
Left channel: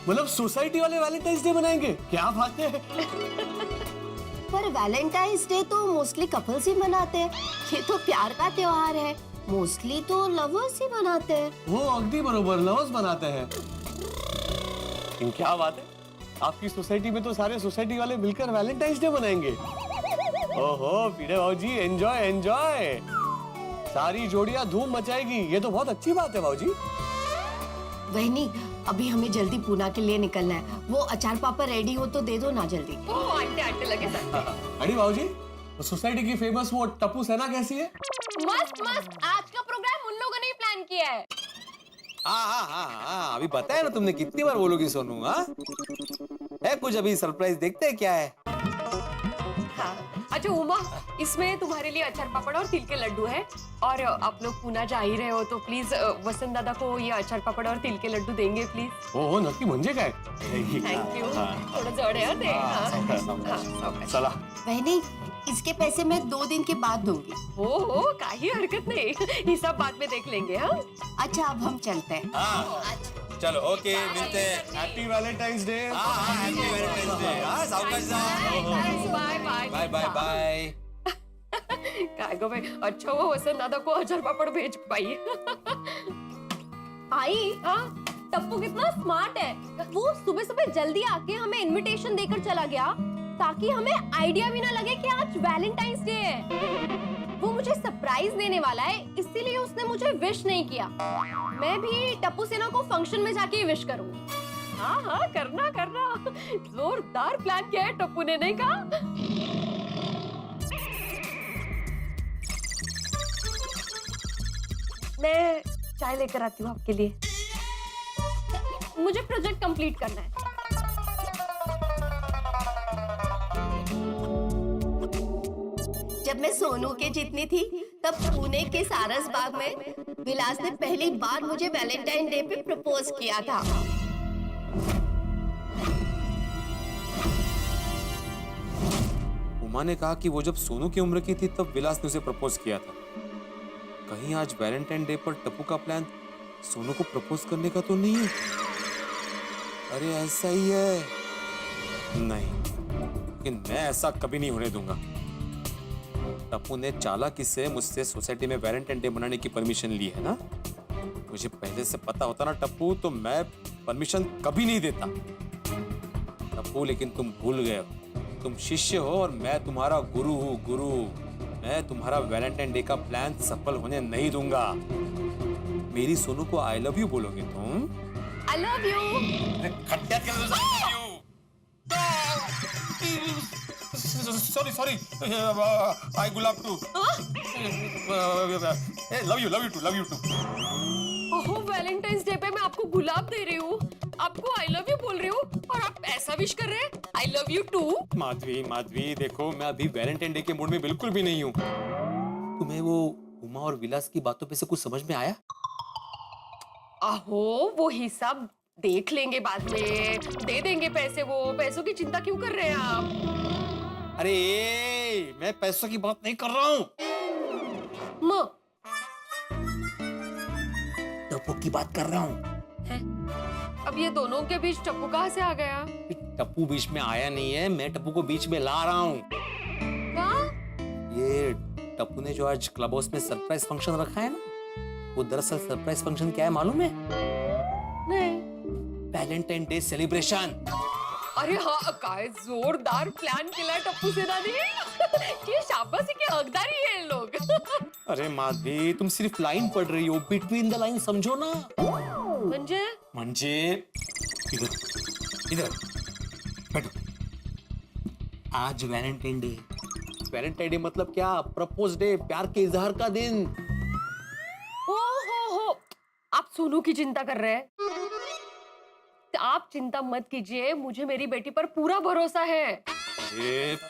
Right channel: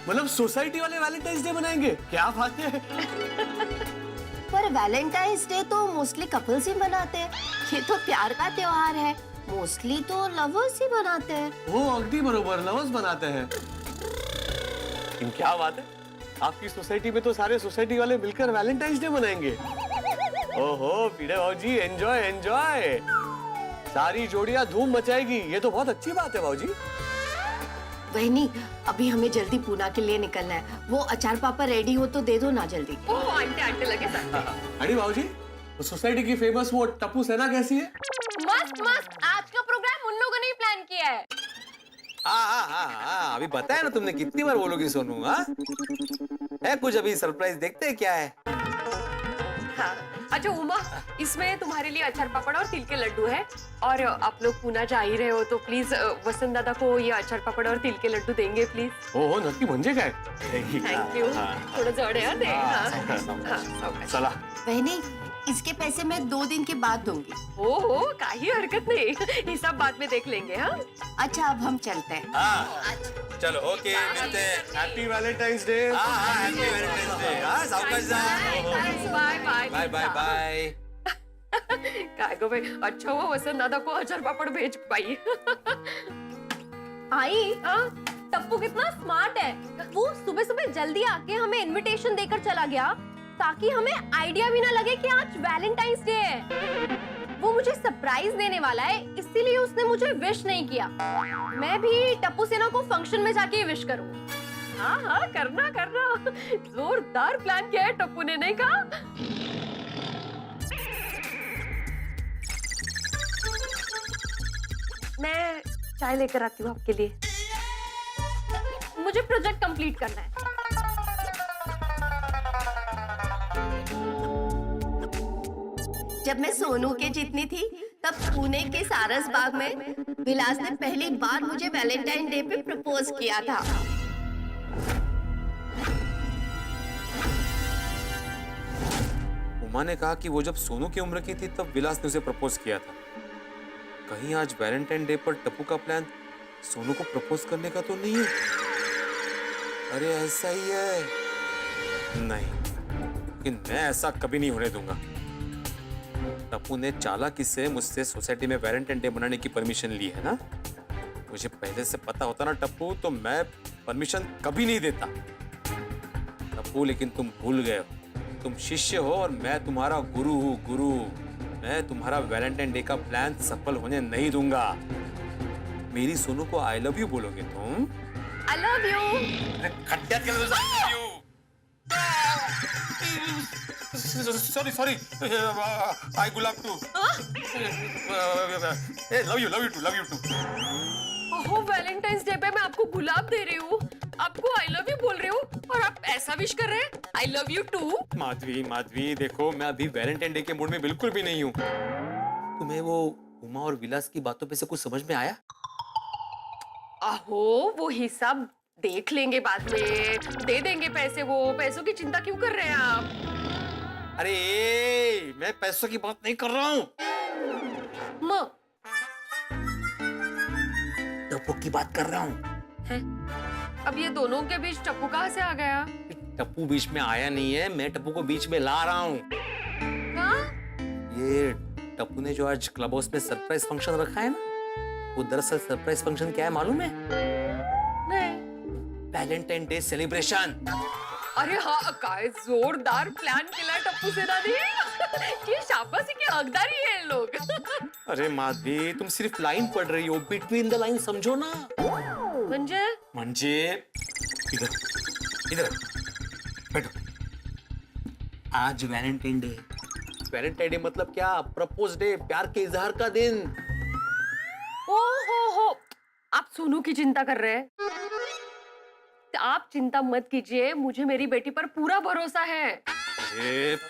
मतलब सोसाइटी वाले वैलेंटाइंस डे मनाएंगे? क्या बात है। पर वैलेंटाइंस डे तो मोस्टली कपल्स ही मनाते हैं। ये तो प्यार का त्योहार है, मोस्टली तो लवर्स ही मनाते हैं। वो अगदी बरोबर, लवर्स बनाते हैं। लेकिन क्या बात है, आपकी सोसाइटी में तो सारे सोसाइटी वाले मिलकर वैलेंटाइंस डे मनाएंगे। ओहो पीड़े भाऊजी, एंजॉय एंजॉय। सारी जोड़ियां धूम मचाएगी, ये तो बहुत अच्छी बात है भाऊजी। बहनी, अभी हमें जल्दी पुणे के लिए निकलना है। वो अचार पापा रेडी हो तो दे दो ना जल्दी। ओह आंटे आंटे लगे साथ। अरे भाऊजी, सोसाइटी की फेमस वो टप्पू सेना कैसी है? मस्त मस्त। आज का प्रोग्राम उन लोगों ने ही प्लान किया है। हाँ, अभी बताया ना तुमने, कितनी बार बोलोगी सोनू। हाँ है कुछ, अभी सरप्राइज देखते हैं क्या है। हाँ। अच्छा उमा, इसमें तुम्हारे लिए अचार पापड़ और तिल के लड्डू है। और आप लोग पुणे जा ही रहे हो तो प्लीज वसंत दादा को ये अचार पापड़ और तिल के लड्डू देंगे प्लीज। हो नक्की, म्हणजे काय? Thank you. थोड़ा जड़ है दे। हाँ, चला। बहनी, इसके पैसे मैं 2 दिन के बाद दूंगी। हो काही हरकत नहीं, हिसाब बाद में देख लेंगे। हाँ अच्छा, अब हम चलते हैं। चलो ओके, मिलते हैं। Happy Valentine's day. Happy Valentine's day. हाँ सावकाश जा। Bye bye bye bye bye. काय गो भाई, अच्छा हुआ वसंत दादा को अचार पापड़ भेज पाई। आई, टप्पू कितना स्मार्ट है। वो सुबह सुबह जल्दी आके हमें इनविटेशन देकर चला गया ताकि हमें आइडिया भी ना लगे कि आज वैलेंटाइंस डे है। वो मुझे सरप्राइज देने वाला है, इसीलिए उसने मुझे विश नहीं किया। मैं भी टप्पू सेना को फंक्शन में जाके विश करूंगी। हाँ हाँ, करना करना। जोरदार प्लान किया है टप्पू ने, नहीं कहा? मैं चाय लेकर आती हूँ आपके लिए। मुझे प्रोजेक्ट कंप्लीट करना है। जब मैं सोनू के जितनी थी तब पुणे के सारस बाग में विलास ने पहली बार मुझे वैलेंटाइन डे पे प्रपोज किया था। उमा ने कहा कि वो जब सोनू की उम्र की थी तब विलास ने उसे प्रपोज किया था। कहीं आज वैलेंटाइन डे पर टप्पू का प्लान सोनू को प्रपोज करने का तो नहीं है? अरे ऐसा ही है। नहीं, लेकिन मैं ऐसा कभी नहीं होने दूंगा। टप्पू ने चालाकी से मुझसे सोसाइटी में वैलेंटाइन डे मनाने की परमिशन ली है ना। मुझे पहले से पता होता ना टप्पू, तो मैं परमिशन कभी नहीं देता। टप्पू लेकिन तुम भूल गए हो, तुम शिष्य हो और मैं तुम्हारा गुरु हूँ। गुरु, मैं तुम्हारा वैलेंटाइन डे का प्लान सफल होने नहीं दूंगा। मेरी सोनू को आई लव यू बोलोगे तुम? I love you. खट्टा के सॉरी आई गुलाब टू लव यू टू। ओहो, वैलेंटाइंस डे पे मैं आपको गुलाब दे रही हूँ, आपको आई लव यू बोल रही हूँ और आप ऐसा विश कर रहे हैं, I love you too. Madhavi देखो, मैं अभी वैलेंटाइन डे के मूड में बिल्कुल भी नहीं हूँ। तुम्हें वो उमा और विलास की बातों पे से कुछ समझ में आया? आहो, वो हिसाब देख लेंगे बाद में, दे देंगे पैसे। वो पैसों की चिंता क्यों कर रहे हैं आप? अरे मैं पैसों की बात नहीं कर रहा हूँ, टप्पू की बात कर रहा हूँ। अब ये दोनों के बीच टप्पू कहाँ से आ गया? टप्पू बीच में आया नहीं है, मैं टप्पू को बीच में ला रहा हूँ। ये टप्पू ने जो आज क्लब हाउस में सरप्राइज फंक्शन रखा है ना, वो दरअसल सरप्राइज फंक्शन क्या है मालूम है? नहीं। Valentine day celebration. अरे हाँ, काय जोरदार प्लान केलाय टप्पू सेना ने। ये शाबाशी के हकदारी है लोग। अरे माधवी, तुम सिर्फ लाइन पढ़ रही हो, बिटवीन द लाइन समझो ना। म्हणजे इधर बैठो। आज वैलेंटाइन डे। वैलेंटाइन डे मतलब क्या? प्रपोज डे, प्यार के इजहार का दिन। हो, आप सोनू की चिंता कर रहे हैं? आप चिंता मत कीजिए, मुझे मेरी बेटी पर पूरा भरोसा है।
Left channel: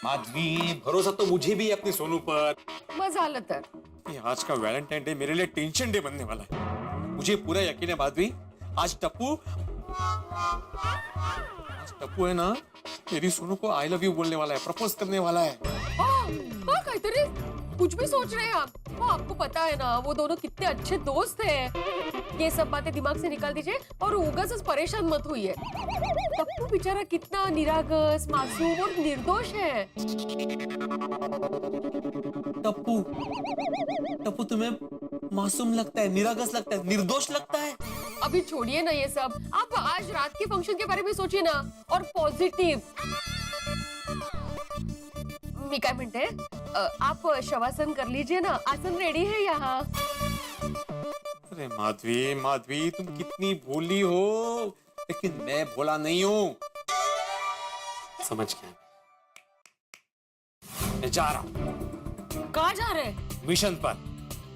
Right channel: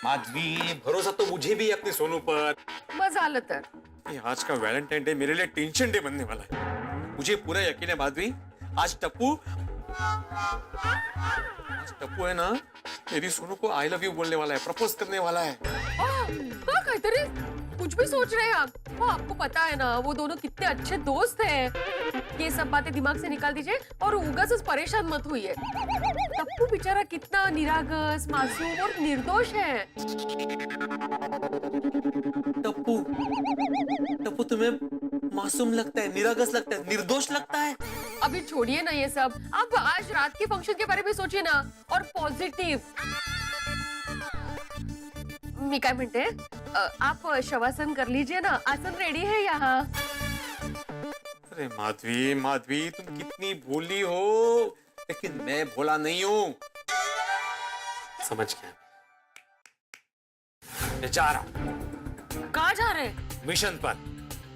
माधवी, भरोसा तो मुझे भी है अपनी सोनू पर। मजालत है। आज का वैलेंटाइन डे मेरे लिए टेंशन डे बनने वाला है। मुझे पूरा यकीन है माधवी, आज टप्पू है ना, मेरी सोनू को आई लव यू बोलने वाला है, प्रपोज करने वाला है। काहीतरी कुछ भी सोच रहे हैं आप। आपको पता है ना, वो दोनों कितने अच्छे दोस्त हैं। ये सब बातें दिमाग से निकाल दीजिए और उगास परेशान मत होइए। टप्पू बेचारा कितना निरागस, मासूम और निर्दोष है। टप्पू तुम्हें मासूम लगता है, निरागस लगता है, निर्दोष लगता है? अभी छोड़िए ना ये सब, आप आज रात के फंक्शन के बारे में सोचिए ना, और पॉजिटिव। मी काय म्हणते, आप शवासन कर लीजिए ना, आसन रेडी है यहाँ। अरे माधवी तुम कितनी भोली हो, लेकिन मैं भोला नहीं हूँ। समझ गया, मैं जा रहा हूँ। कहाँ जा रहे हैं? मिशन पर।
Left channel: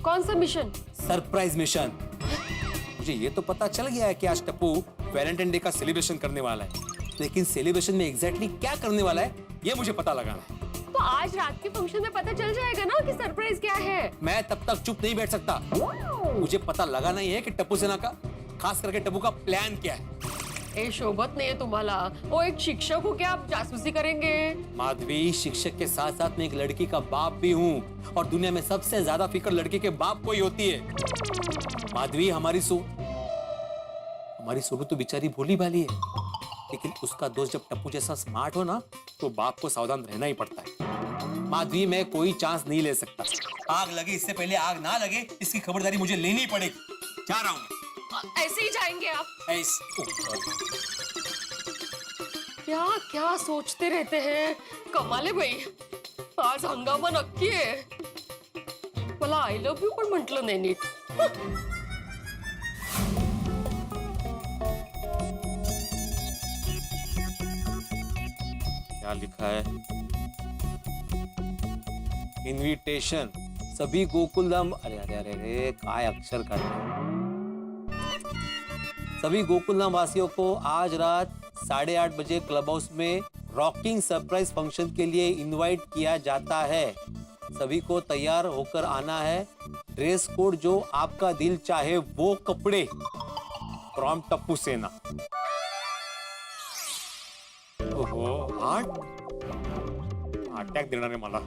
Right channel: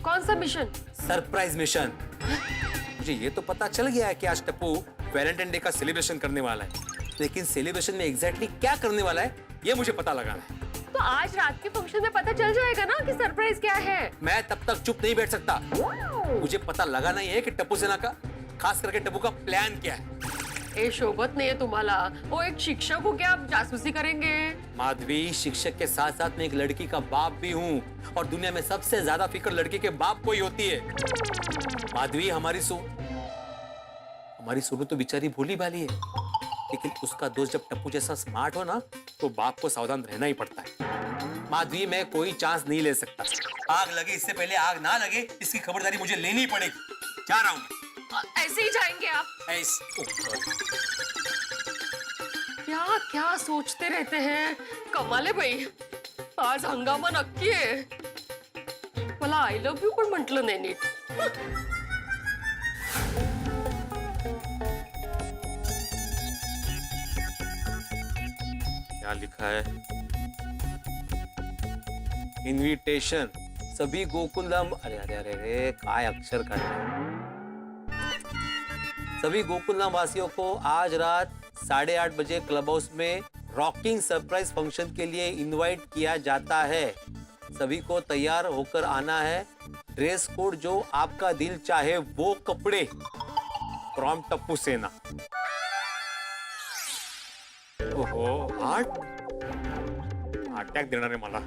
कौन सा मिशन? Surprise mission. मुझे ये तो पता चल गया है कि आज टप्पू वैलेंटाइन डे का सेलिब्रेशन करने वाला है, लेकिन सेलिब्रेशन में एग्जैक्टली क्या करने वाला है ये मुझे पता लगाना है। तो आज रात के फंक्शन में पता चल जाएगा ना कि सरप्राइज क्या है। मैं तब तक चुप नहीं बैठ सकता, मुझे पता लगाना ही है कि टप्पू सेना का, खास करके टप्पू का प्लान क्या है। ए शोभत नहीं है तुम्हाला, वो एक शिक्षक हो क्या आप जासूसी करेंगे? माधवी, शिक्षक के साथ साथ मैं एक लड़की का बाप भी हूँ, और दुनिया में सबसे ज्यादा फिक्र लड़की के बाप को ही होती है। माधवी, हमारी सोनू तो बेचारी भोली भाली है, लेकिन उसका दोस्त जब टप्पू जैसा स्मार्ट हो ना, तो बाप को सावधान रहना ही पड़ता है। माधवी, मैं कोई चांस नहीं ले सकता। आग लगे इससे पहले आग ना लगे, इसकी खबरदारी मुझे लेनी पड़ेगी। जा रहा हूँ। ऐसे ही जाएंगे आप? क्या क्या सोचते रहते हैं, कमाल है भाई। आज हंगामा नक्की आहे। मला आय लव्ह यू पण म्हटलं नाही नीट। क्या लिखा है? इनविटेशन सभी गोकुलधाम, अरे अरे अरे अरे काय अक्षर का सभी गोकुलधाम वासियों को आज रात 8:30 बजे क्लब हाउस में रॉकिंग सरप्राइज फंक्शन के लिए इनवाइट किया जाता है। सभी को तैयार होकर आना है। ड्रेस कोड जो आपका दिल चाहे वो कपड़े। फ्रॉम टप्पू सेना। ओहो, अटॅक देणार आहे मला.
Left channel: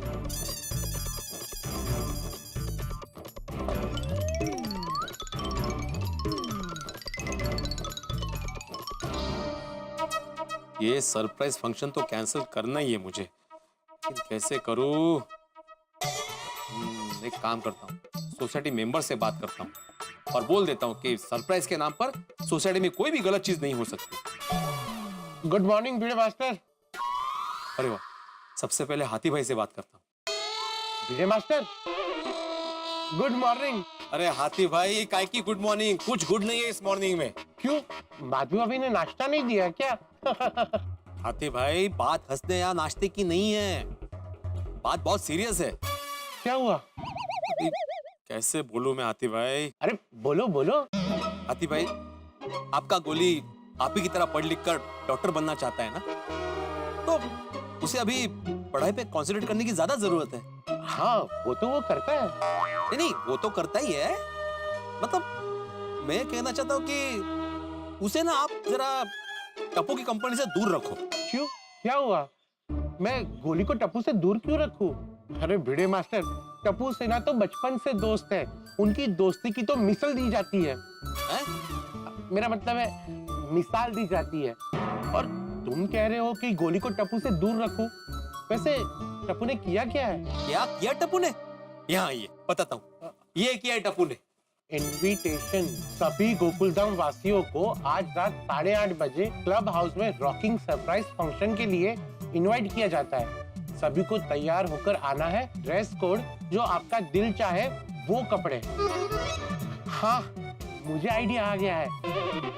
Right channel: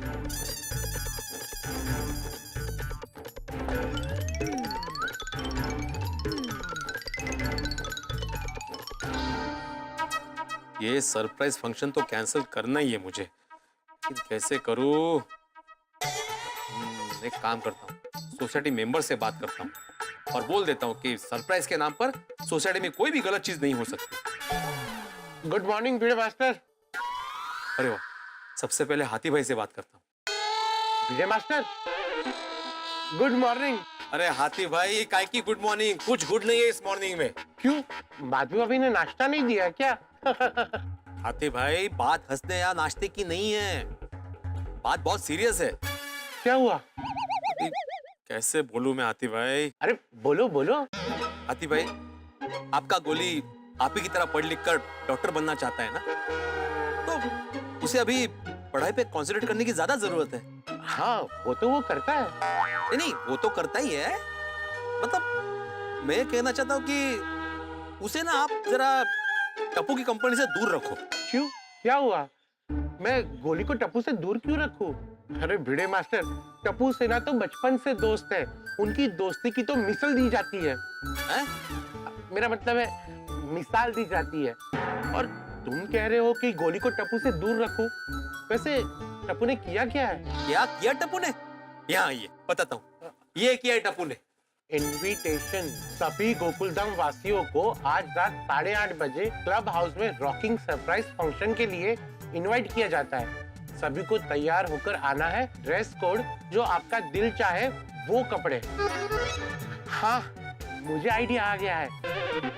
ये सरप्राइज फंक्शन तो कैंसिल करना ही है मुझे, लेकिन कैसे करूं? एक काम करता हूँ, सोसाइटी मेंबर से बात करता हूँ और बोल देता हूँ कि सरप्राइज के नाम पर सोसाइटी में कोई भी गलत चीज नहीं हो सकती. गुड मॉर्निंग भिड़े मास्टर. अरे वाह, सबसे पहले हाथी भाई से बात करता हूँ. भिड़े मास्टर, गुड मॉर्निंग. अरे हाथी भाई, काय की गुड मॉर्निंग? कुछ गुड नहीं है इस मॉर्निंग में. क्यों, माधवी अभी ने नाश्ता नहीं दिया क्या? हाथी भाई, बात हंसने या नाश्ते की नहीं है, बात बहुत सीरियस है. क्या हुआ? कैसे बोलूं मैं हाथी भाई? अरे बोलो बोलो. हाथी भाई, आपका गोली आप ही की तरह पढ़ लिख कर डॉक्टर बनना चाहता है ना, तो उसे अभी पढ़ाई पे कंसंट्रेट करने की ज्यादा जरूरत है. हाँ, वो तो वो करता है. नहीं, वो तो करता ही है. मतलब मैं कहना चाहता हूँ कि उसे ना आप जरा टप्पू की कंपनी से दूर रखो. क्यों, क्या हुआ? मैं गोली को टप्पू से दूर क्यों रखूं? अरे भिड़े मास्टर, टप्पू सेना तो बचपन से दोस्त है, उनकी दोस्ती की तो मिसाल दी जाती है. मेरा मतलब है मिसाल दी जाती है. और तुम कह रहे हो कि गोली को टप्पू से दूर रखूं? वैसे टप्पू ने किया क्या है? क्या किया टप्पू ने? यहाँ आइए, बताता हूँ. ये किया है टप्पू ने. इनविटेशन सभी गोकुलधाम वासियों को आज रात 8:30 बजे क्लब हाउस में रॉकिंग सरप्राइज फंक्शन के लिए इनवाइट किया जाता है. सभी को तैयार होकर आना है. ड्रेस कोड जो आपका दिल चाहे वो कपड़े. हाँ, मुझे आइडिया आ गया है.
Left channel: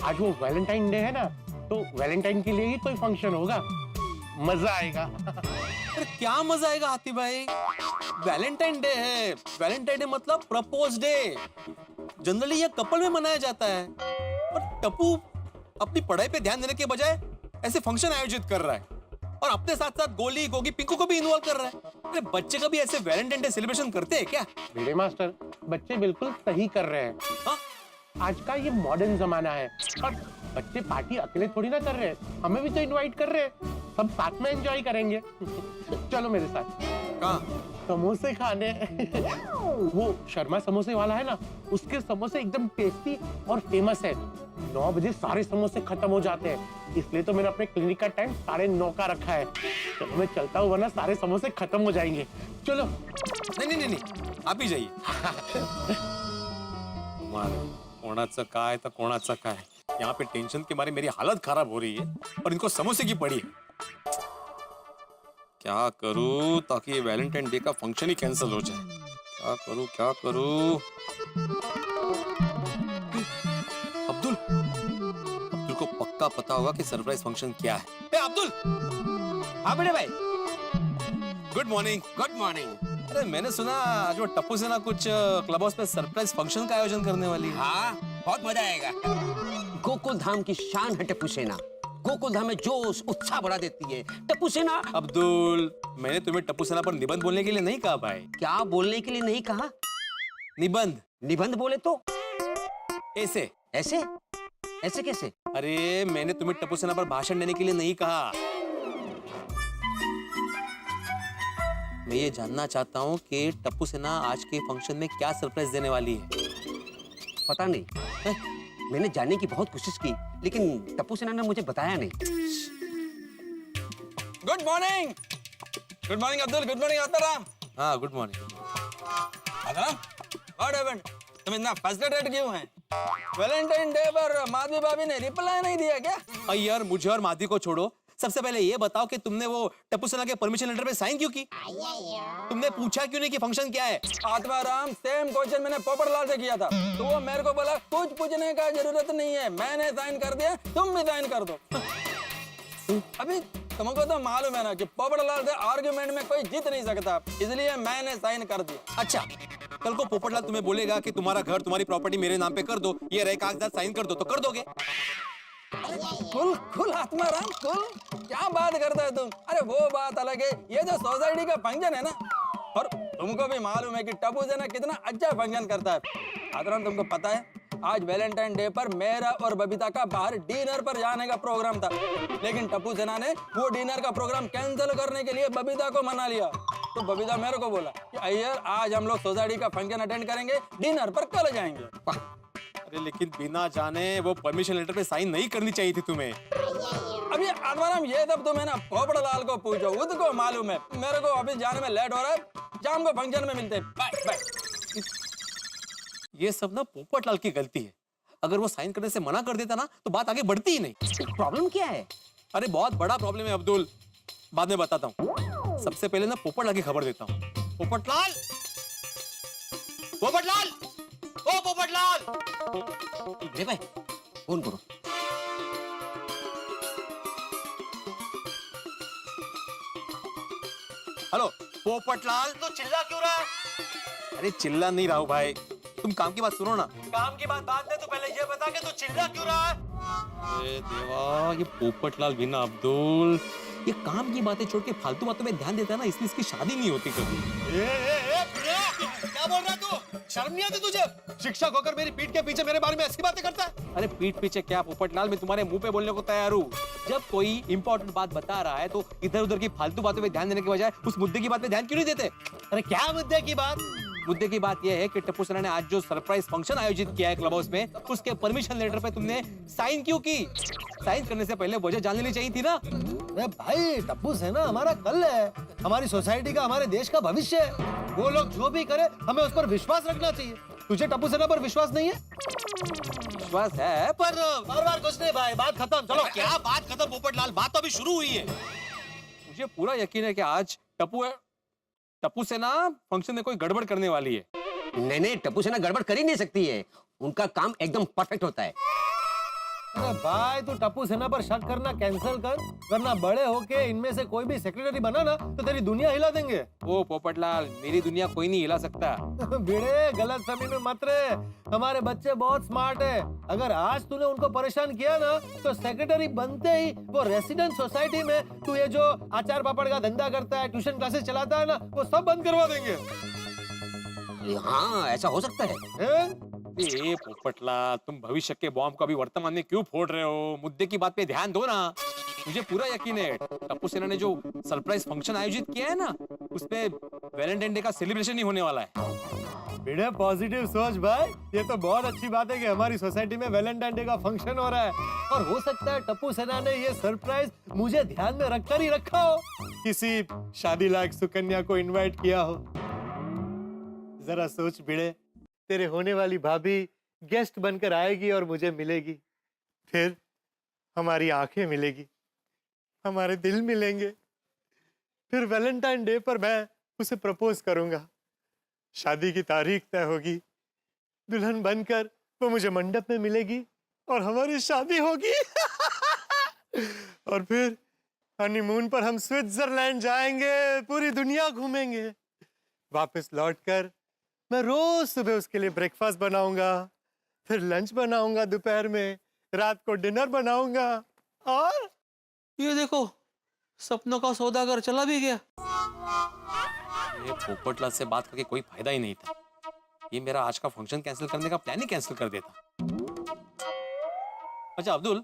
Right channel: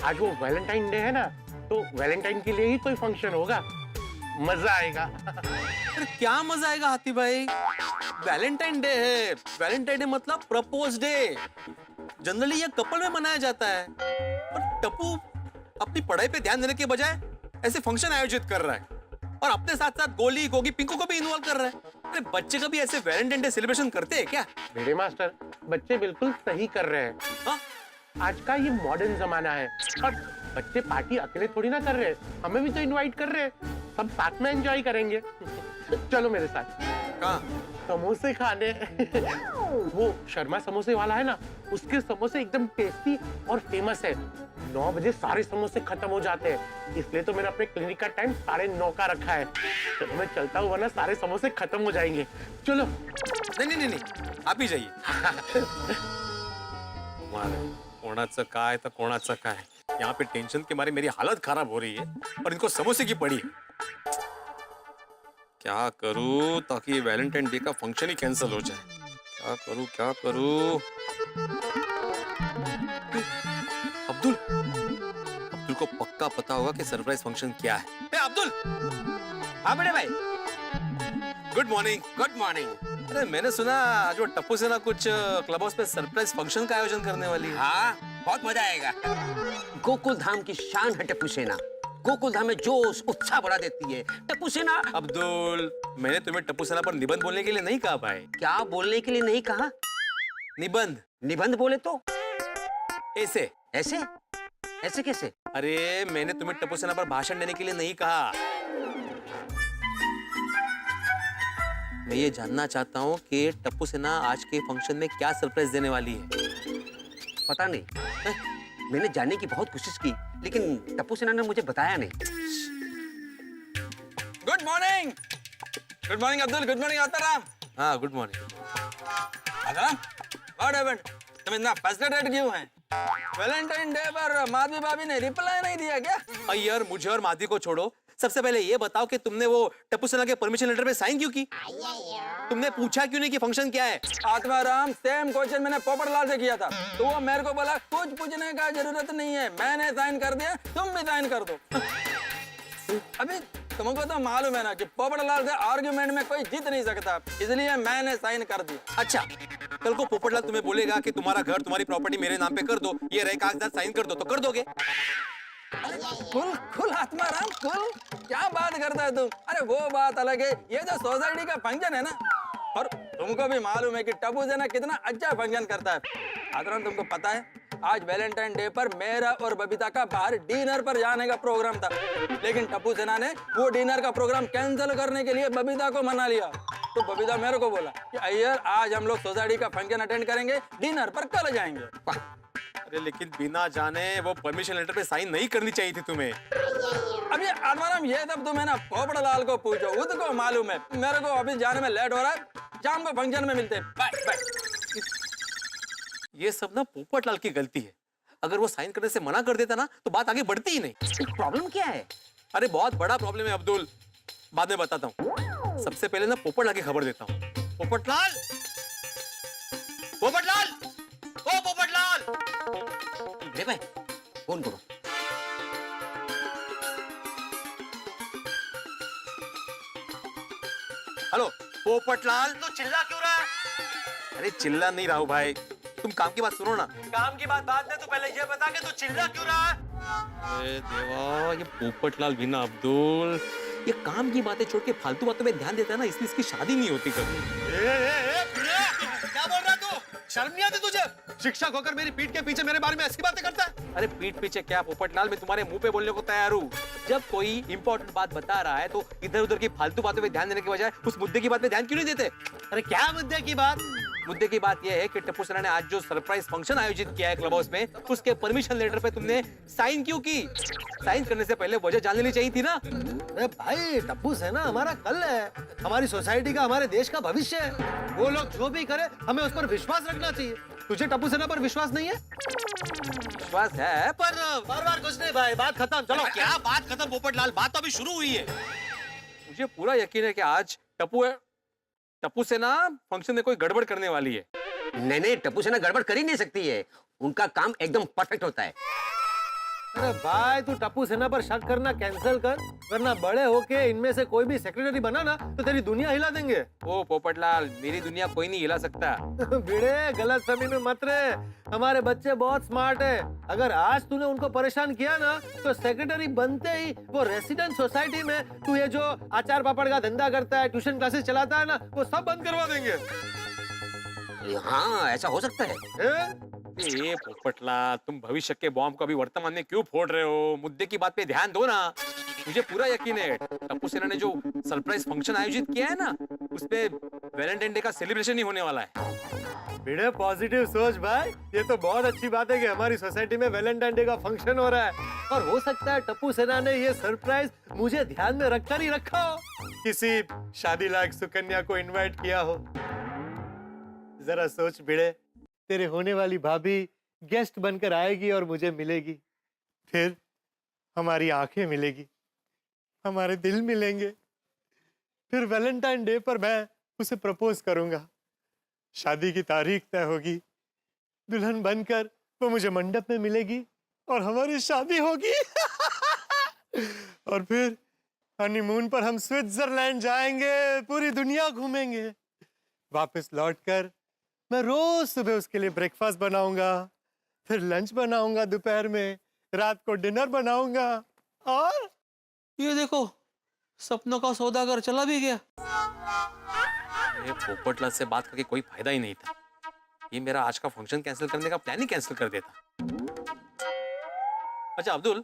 आज वो वैलेंटाइन डे है ना, तो वैलेंटाइन के लिए ही कोई फंक्शन होगा. मजा आएगा. अरे क्या मजा आएगा हाथी भाई? वैलेंटाइन डे है. वैलेंटाइन डे मतलब प्रपोज डे. जनरली ये कपल में मनाया जाता है, और टप्पू अपनी पढ़ाई पे ध्यान देने के बजाय ऐसे फंक्शन आयोजित कर रहा है, और अपने साथ साथ गोली, गोगी, पिंकू को भी इन्वॉल्व कर रहा है. अरे बच्चे कभी ऐसे वैलेंटाइन डे सेलिब्रेशन करते हैं क्या? भिड़े मास्टर, बच्चे बिल्कुल सही कर रहे हैं. हाँ? आज का ये मॉडर्न जमाना है, और बच्चे पार्टी अकेले थोड़ी ना कर रहे हैं, हमें भी तो इनवाइट कर रहे हैं. सब साथ में एंजॉय करेंगे. चलो मेरे साथ. कहाँ? समोसे खाने. वो शर्मा समोसे वाला है ना, उसके समोसे एकदम टेस्टी और फेमस है. 9 बजे सारे समोसे खत्म हो जाते हैं, इसलिए तो मैंने अपने क्लिनिक का टाइम 9:30 का रखा है. चलो मैं चलता हूँ, वरना सारे समोसे खत्म हो जाएंगे. चलो. नहीं, आप ही जाइए. कोणाचं काय तर कोणाचं काय. यहाँ पे टेंशन के मारे मेरी हालत खराब हो रही है, और इनको समोसे की पड़ी है. क्या करूं ताकि ये वैलेंटाइन डे का फंक्शन ही कैंसिल हो जाए? क्या करूं? अब्दुल को पक्का पता होगा कि सरप्राइज फंक्शन क्या है. ए अब्दुल! हाँ बड़े भाई. Good morning. Good morning. अरे मैंने सुना आज वो टप्पू सेना कुछ क्लब हाउस पे सरप्राइज फंक्शन का आयोजन करने वाली है. हाँ, बहुत मजा आएगा. गोकुल धाम की शान है टप्पू सेना. गोकुल धाम में जोश उत्साह बढ़ा देती है टप्पू सेना. अब्दुल, मैंने तुम्हें टप्पू सेना पर निबंध बोलने के लिए नहीं कहा भाई. क्या बोलने के लिए नहीं कहा? निबंध. निबंध बोले तो ऐसे. ऐसे ऐसे कैसे? अरे मैंने तुम्हें टप्पू सेना पर भाषण देने के लिए नहीं कहा. मैं ये जानना चाहता हूँ कि टप्पू सेना आज के फंक्शन में क्या सरप्राइज देने वाली है. पता नहीं. मैंने जानने की बहुत कोशिश की, लेकिन टप्पू सेना ने मुझे बताया नहीं. Good morning. Good morning Abdul. Good morning Ataram. हाँ, good morning. Ataram, what happened? तुम इतना फ्रस्ट्रेटेड क्यों हैं? वैलेंटाइन डे पर माधवी भाभी ने रिप्लाई नहीं दिया क्या? यार, मुझे और माधवी को छोड़ो, सबसे पहले ये बताओ कि तुमने वो टप्पू सेना के परमिशन लेटर पे साइन क्यों की? तुमने पूछा क्यों नहीं कि फंक्शन क्या है? आत्माराम, सेम क्वेश्चन मैंने पोपटलाल से किया था, तो वो मेरे को बोला कुछ पूछने का जरूरत नहीं है, मैंने साइन कर दिया, तुम भी साइन कर दो. अभी तुमको तो मालूम है ना कि पोपटलाल से आर्गुमेंट में कोई जीत नहीं सकता, इसलिए मैंने साइन कर दिया. अच्छा, कल को पोपटलाल तुम्हें बोलेगा कि तुम्हारा घर, तुम्हारी प्रॉपर्टी मेरे नाम पे कर दो, ये रहे कागजात, साइन कर दो, तो कर दोगे? कुल आत्माराम, कुल क्या बात करता है तुम? अरे वो बात अलग है, ये जो सोसाइटी का फंक्शन है ना, और तुमको भी मालूम है कि टप्पू सेना कितना अच्छा फंक्शन करता है. आत्माराम, तुमको पता है आज वैलेंटाइन डे पर मेरा और बबीता का बाहर डिनर पर जाने का प्रोग्राम था. लेकिन टप्पू सेना ने वो डिनर का प्रोग्राम कैंसिल करने के लिए बबीता को मना लिया। तो बबीता मेरे को बोला कि अय्यर आज हम लोग सोसाइटी का फंक्शन अटेंड करेंगे, डिनर पर कल जाएंगे। अरे लेकिन बिना जाने वो परमिशन लेटर पे साइन नहीं करनी चाहिए थी तुम्हें। अब ये आत्माराम ये सब तुम्हें ना पोपड़लाल को पूछो, उसको मालूम है। मेरे को अभी जाने में लेट हो रहा है, शाम को फंक्शन में मिलते हैं। Bye bye. ये सब ना पोपटलाल की गलती है। अगर वो साइन करने से मना कर देता ना तो बात आगे बढ़ती ही नहीं। प्रॉब्लम क्या है? अरे बहुत बड़ा प्रॉब्लम है अब्दुल, बाद में बताता हूँ। सबसे पहले ना पोपटलाल की खबर देता हूँ। पोपटलाल, पोपटलाल, ओ पोपटलाल। रे भाई फोन करो। हेलो पोपटलाल। तो चिल्ला क्यों रहा है? अरे चिल्ला नहीं रहा हूँ भाई, तुम काम की बात सुनो ना। काम की बात बाद में, तू पहले ये बता के तू चिल्ला क्यों रहा है? अरे देवा, ये पोपटलाल भी ना अब्दुल, ये काम की बातें छोड़ के फालतू बातों में ध्यान देता है ना, इसलिए इसकी शादी नहीं होती कभी। क्या बोल रहा है तू? शर्म नहीं आती तुझे? शिक्षक होकर मेरी पीठ के पीछे मेरे बारे में ऐसी बातें करता है? अरे पीठ पीछे क्या पोपटलाल, मैं तुम्हारे मुंह पे बोलने को तैयार हूँ। जब कोई इंपॉर्टेंट बात बता रहा है तो इधर उधर की फालतू बातों पे ध्यान देने के बजाय उस मुद्दे की बात पे ध्यान क्यों नहीं देते? अरे क्या मुद्दे की बात? मुद्दे की बात यह है कि टप्पू सेना ने आज जो सरप्राइज फंक्शन आयोजित किया है क्लब हाउस में, उसके परमिशन लेटर पे तुमने साइन क्यों की? साइन करने से पहले वजह जान लेनी चाहिए थी ना। अरे भाई, टप्पू सेना हमारा कल है, हमारी सोसाइटी का, हमारे देश का भविष्य है। वो लोग जो भी करे हमें उस पर विश्वास रखना चाहिए। तुझे टप्पू सेना पर विश्वास नहीं है? विश्वास है पर बार कुछ नहीं भाई, बात खत्म। चलो। क्या बात खत्म पोपटलाल, बात तो अभी शुरू हुई है। मुझे पूरा यकीन है कि आज टप्पू सेना फंक्शन में कोई गड़बड़ करने वाली है। नहीं नहीं, टप्पू सेना गड़बड़ कर ही नहीं सकती है, उनका काम एकदम परफेक्ट होता है। अरे भाई, तू टप्पू सेना पर शक करना कैंसिल कर, वरना बड़े होके इनमें से कोई भी सेक्रेटरी बना ना तो तेरी दुनिया हिला देंगे। ओ पोपटलाल, मेरी दुनिया कोई नहीं हिला सकता। भिड़े, गलत फहमी में मत रहे। हमारे बच्चे बहुत स्मार्ट है। अगर आज तूने उनको परेशान किया ना तो सेक्रेटरी बनते ही वो रेसिडेंट सोसाइटी में तू ये जो अचार पापड़ का धंधा करता है, ट्यूशन क्लासेस चलाता है ना, वो सब बंद करवा देंगे। हाँ, ऐसा हो सकता है। ए पोपटलाल, तुम भविष्य के बॉम्ब को अभी वर्तमान में क्यों फोड़ रहे हो? मुद्दे की बात पे ध्यान दो ना। मुझे पूरा यकीन है टप्पू सेना ने जो सरप्राइज फंक्शन आयोजित किया है ना, उसपे वैलेंटाइन डे का सेलिब्रेशन ही होने वाला है। बेटे पॉजिटिव सोच भाई, ये तो बहुत अच्छी बात है कि हमारी सोसाइटी में वैलेंटाइन डे का फंक्शन हो रहा है। और हो सकता है टप्पू सेना ने ये सरप्राइज मुझे ध्यान में रखकर ही रखा हो, किसी शादी लायक सुकन्या को इनवाइट किया हो। जरा सोच भिड़े, तेरे होने वाली भाभी गेस्ट बनकर आएगी और मुझे मिलेगी, फिर हमारी आंखें मिलेगी, हमारे दिल मिलेंगे, फिर वैलेंटाइन डे पर मैं उसे प्रपोज करूंगा, शादी की तारीख तय होगी, दुल्हन बनकर वो मुझे मंडप में मिलेगी और हमारी शादी होगी। और फिर हनीमून पर हम स्विट्जरलैंड जाएंगे, पूरी दुनिया घूमेंगे। वापस लौटकर मैं रोज सुबह उसके लिए ब्रेकफास्ट बनाऊंगा, फिर लंच बनाऊंगा, दोपहर में, रात को डिनर बनाऊंगा। और ये देखो, सपनों का सौदागर चला भी गया। ये पोपटलाल से बात करके कोई फायदा ही नहीं था। ये मेरा आज का फंक्शन कैंसिल करने का प्लान ही कैंसिल कर देता। अच्छा अब्दुल,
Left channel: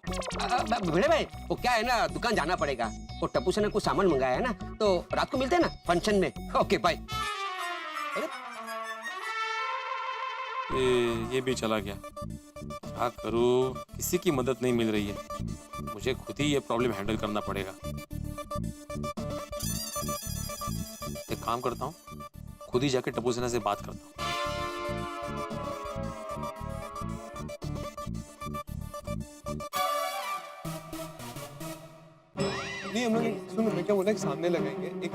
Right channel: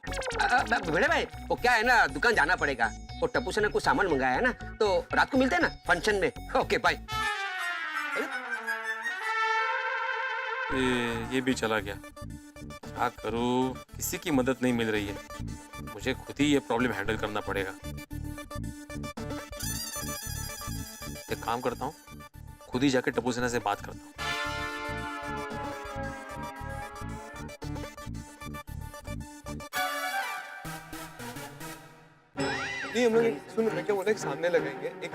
भिड़े भाई, वो क्या है ना, दुकान जाना पड़ेगा। वो टप्पू सेना कुछ सामान मंगाया है ना, तो रात को मिलते हैं ना फंक्शन में। Okay bye. ये भी चला गया। क्या करूं, किसी की मदद नहीं मिल रही है। मुझे खुद ही ये प्रॉब्लम हैंडल करना पड़ेगा। एक काम करता हूँ, खुद ही जाके टप्पू सेना से बात करता हूँ। नहीं, हम लोग सुनो, मैं क्या बोला, एक सामने लगाएंगे, एक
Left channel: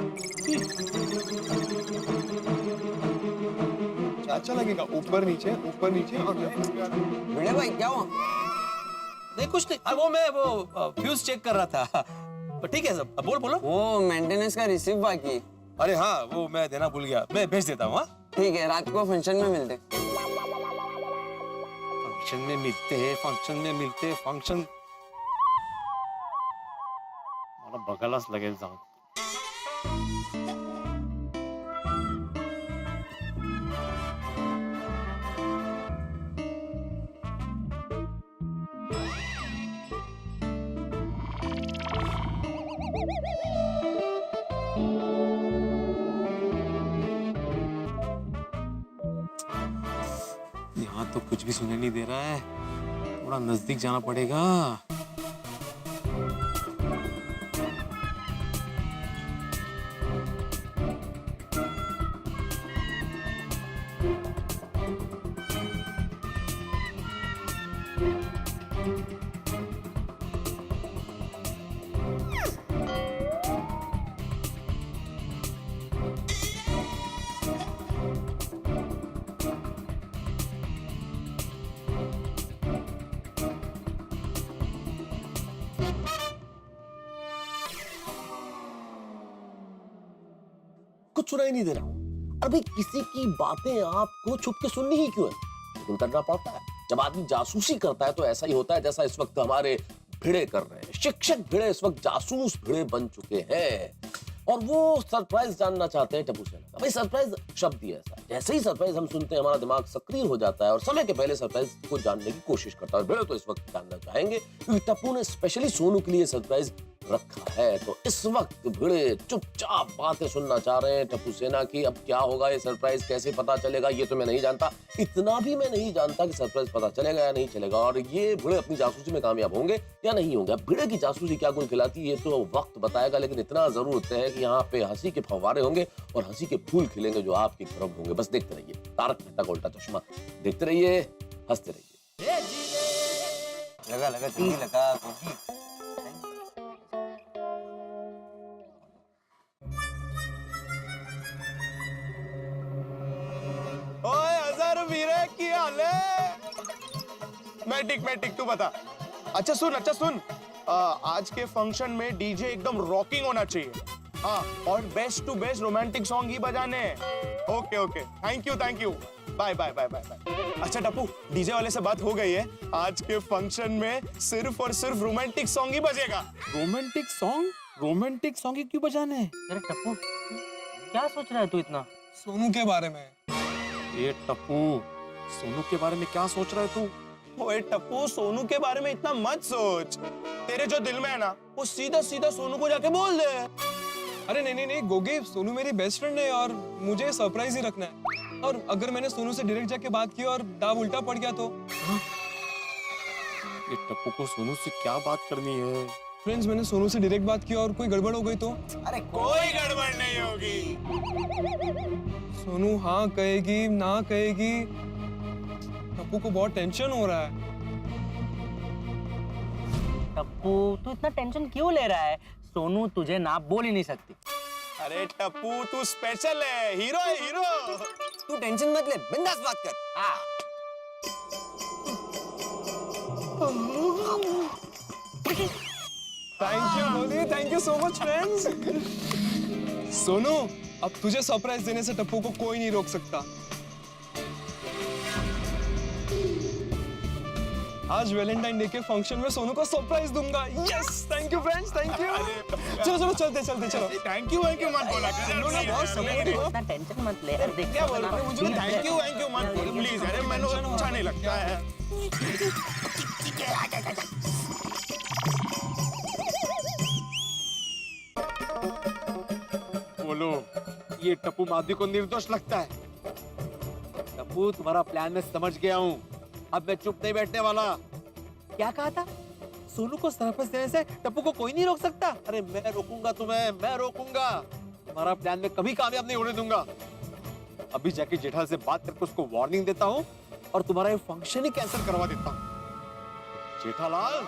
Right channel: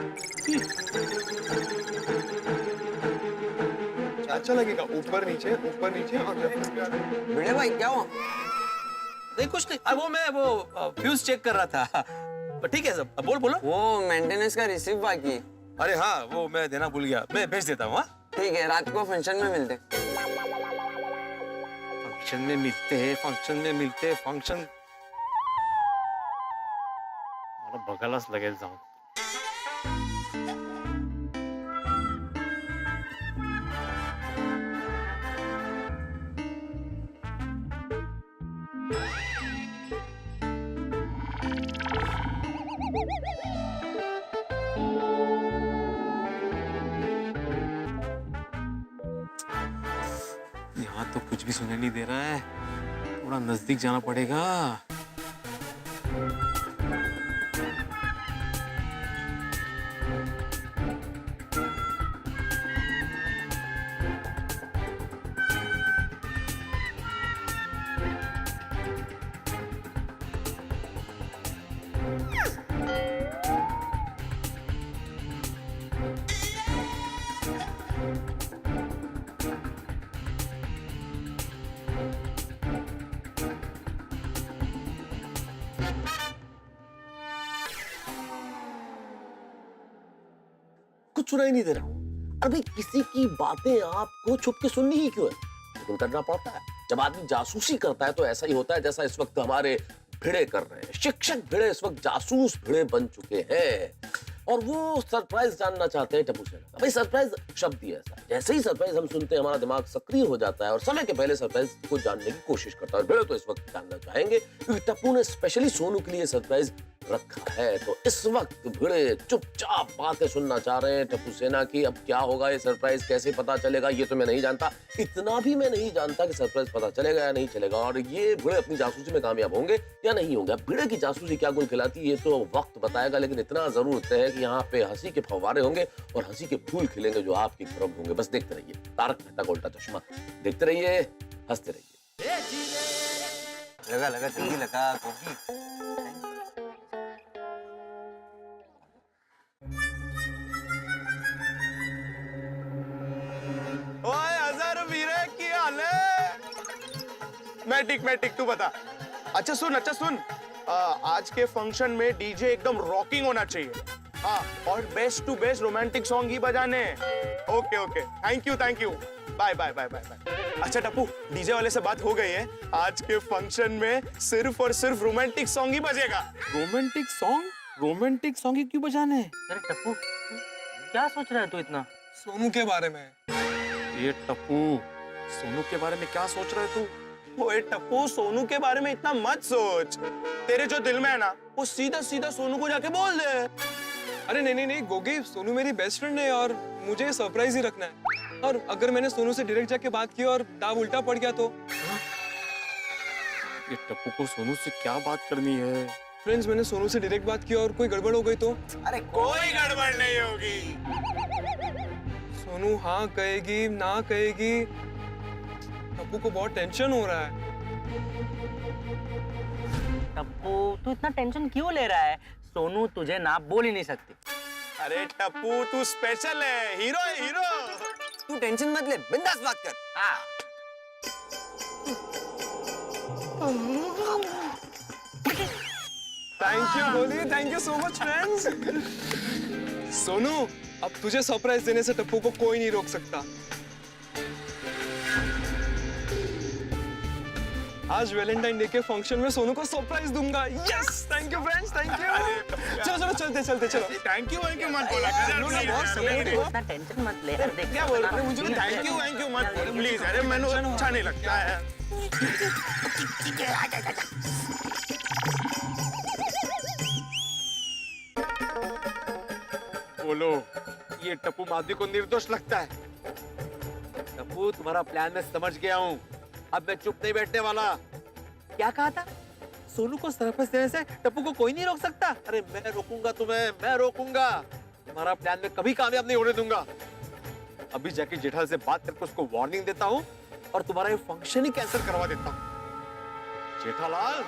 अच्छा लगेगा, ऊपर नीचे और भिड़े भाई क्या हुआ? नहीं कुछ नहीं, वो मैं फ्यूज चेक कर रहा था। ठीक है सब, बोलो। वो मेंटेनेंस का रिसीव बाकी। अरे हाँ, वो मैं देना भूल गया, मैं भेज देता हूँ। ठीक है, रात को फंक्शन में मिलते। फंक्शन मला बघायलाच लगेल जाऊन। तो कुछ भी सुनाई नहीं दे रहा है, थोड़ा नजदीक जाना पड़ेगा। कुछ सुनाई नहीं दे रहा। अरे भाई, किसी की बातें आपको छुप के सुननी ही क्यों है? लेकिन करना पड़ता है। जब आदमी जासूसी करता है तो ऐसा ही होता है जैसा इस वक्त हमारे भिड़े कर रहे हैं। शिक्षक भिड़े इस वक्त जासूस भिड़े बन चुके हैं और वो सरप्राइज जानना चाहते हैं टप्पू सेना का। भाई, सरप्राइज शब्द ही ऐसा है, जैसे ही सरप्राइज हम सुनते हैं हमारा दिमाग सक्रिय हो जाता है और समय के पहले सरप्राइज को जानने की कोशिश करता है। और भिड़े तो इस वक्त जानना चाहेंगे क्योंकि टप्पू ने स्पेशली सोनू के लिए सरप्राइज रखा है। तो इस वक्त भिड़े चुपचाप बातें सुनना चाह रहे हैं टप्पू सेना की। अब क्या होगा, ये सरप्राइज कैसे पता चलेगा, ये तो मैं नहीं जानता। इतना भी मैं नहीं जानता कि सरप्राइज पता चलेगा या नहीं चलेगा और ये भिड़े अपनी जासूसी में कामयाब होंगे या नहीं होंगे। अब भिड़े की जासूसी क्या गुल खिलाती है ये तो वक्त बताएगा, लेकिन इतना जरूर तय है कि यहाँ पे हंसी के फव्वारे होंगे और हंसी के फूल खिलेंगे जो आपकी तरफ होंगे। बस देखते रहिए तारक मेहता का उल्टा चश्मा, देखते रहिए, हंसते रहिए। लगा लगा जल्दी लगा गोगी। ओए अजहर वीरे की हाल है? मैं ठीक तू बता। अच्छा सुन आज के फंक्शन में डीजे एकदम रॉकिंग होना चाहिए। हाँ, और best to best romantic song ही बजाने हैं। Okay thank you bye. अच्छा टप्पू, डीजे वाले से बात हो गई है, आज के फंक्शन में सिर्फ और सिर्फ रोमांटिक सॉन्ग ही बजेगा। रोमांटिक सॉन्ग ही क्यों बजाने? अरे टप्पू, क्या सोच रहा है तू इतना? सोनू के बारे में। ये टप्पू, सोनू के बारे में क्या सोच रहा है तू? ओए टप्पू, सोनू के बारे में इतना मत सोच। तेरे जो दिल में है ना, वो सीधा सोनू को जाके बोल दे। अरे नहीं गोगी, सोनू मेरी बेस्ट फ्रेंड है और मुझे सरप्राइज ही रखना है। और अगर मैंने सोनू से डायरेक्ट जाके बात की और दाव उल्टा पड़ गया तो? ये टप्पू को सोनू से क्या बात करनी है? फ्रेंड्स, मैंने सोनू से डायरेक्ट बात की और कोई गड़बड़ हो गई तो? अरे कोई गड़बड़ नहीं होगी। सोनू हाँ कहेगी ना कहेगी, टप्पू को बहुत टेंशन हो रहा है। टप्पू, तू इतना टेंशन क्यों ले रहा है? सोनू तुझे ना बोल ही नहीं सकती। अरे टप्पू, तू स्पेशल है, हीरो है हीरो। तू टेंशन मत ले, बिंदास बात कर। हाँ। Thank you so much friends. Sonu, अब तुझे सरप्राइज देने से टप्पू को कोई नहीं रोक सकता। आज वैलेंटाइन डे के फंक्शन में सोनू को सरप्राइज दूंगा। Yes, thank you friends, thank you. चलो चलते चलो। थैंक यू मत बोला कर। बहुत सपोर्टिव हो। इतना टेंशन मत ले। अरे देख, क्या बोल रहे हो? मुझे थैंक यू मत बोल प्लीज। अरे मैंने अच्छा नहीं लगता है। बोलो, ये टप्पू माधवी को निर्दोष लगता है? टप्पू, तुम्हारा प्लान मैं समझ गया हूँ, अब मैं चुप नहीं बैठने वाला। क्या कहा था? सोनू को सरप्राइज देने से टप्पू को कोई नहीं रोक सकता? अरे मैं रोकूंगा तुम्हें, मैं रोकूंगा। तुम्हारा प्लान मैं कभी कामयाब नहीं होने दूंगा। अभी जाके जेठालाल से बात करके उसको वार्निंग देता हूँ और तुम्हारा ये फंक्शन ही कैंसिल करवा देता हूँ। जेठालाल,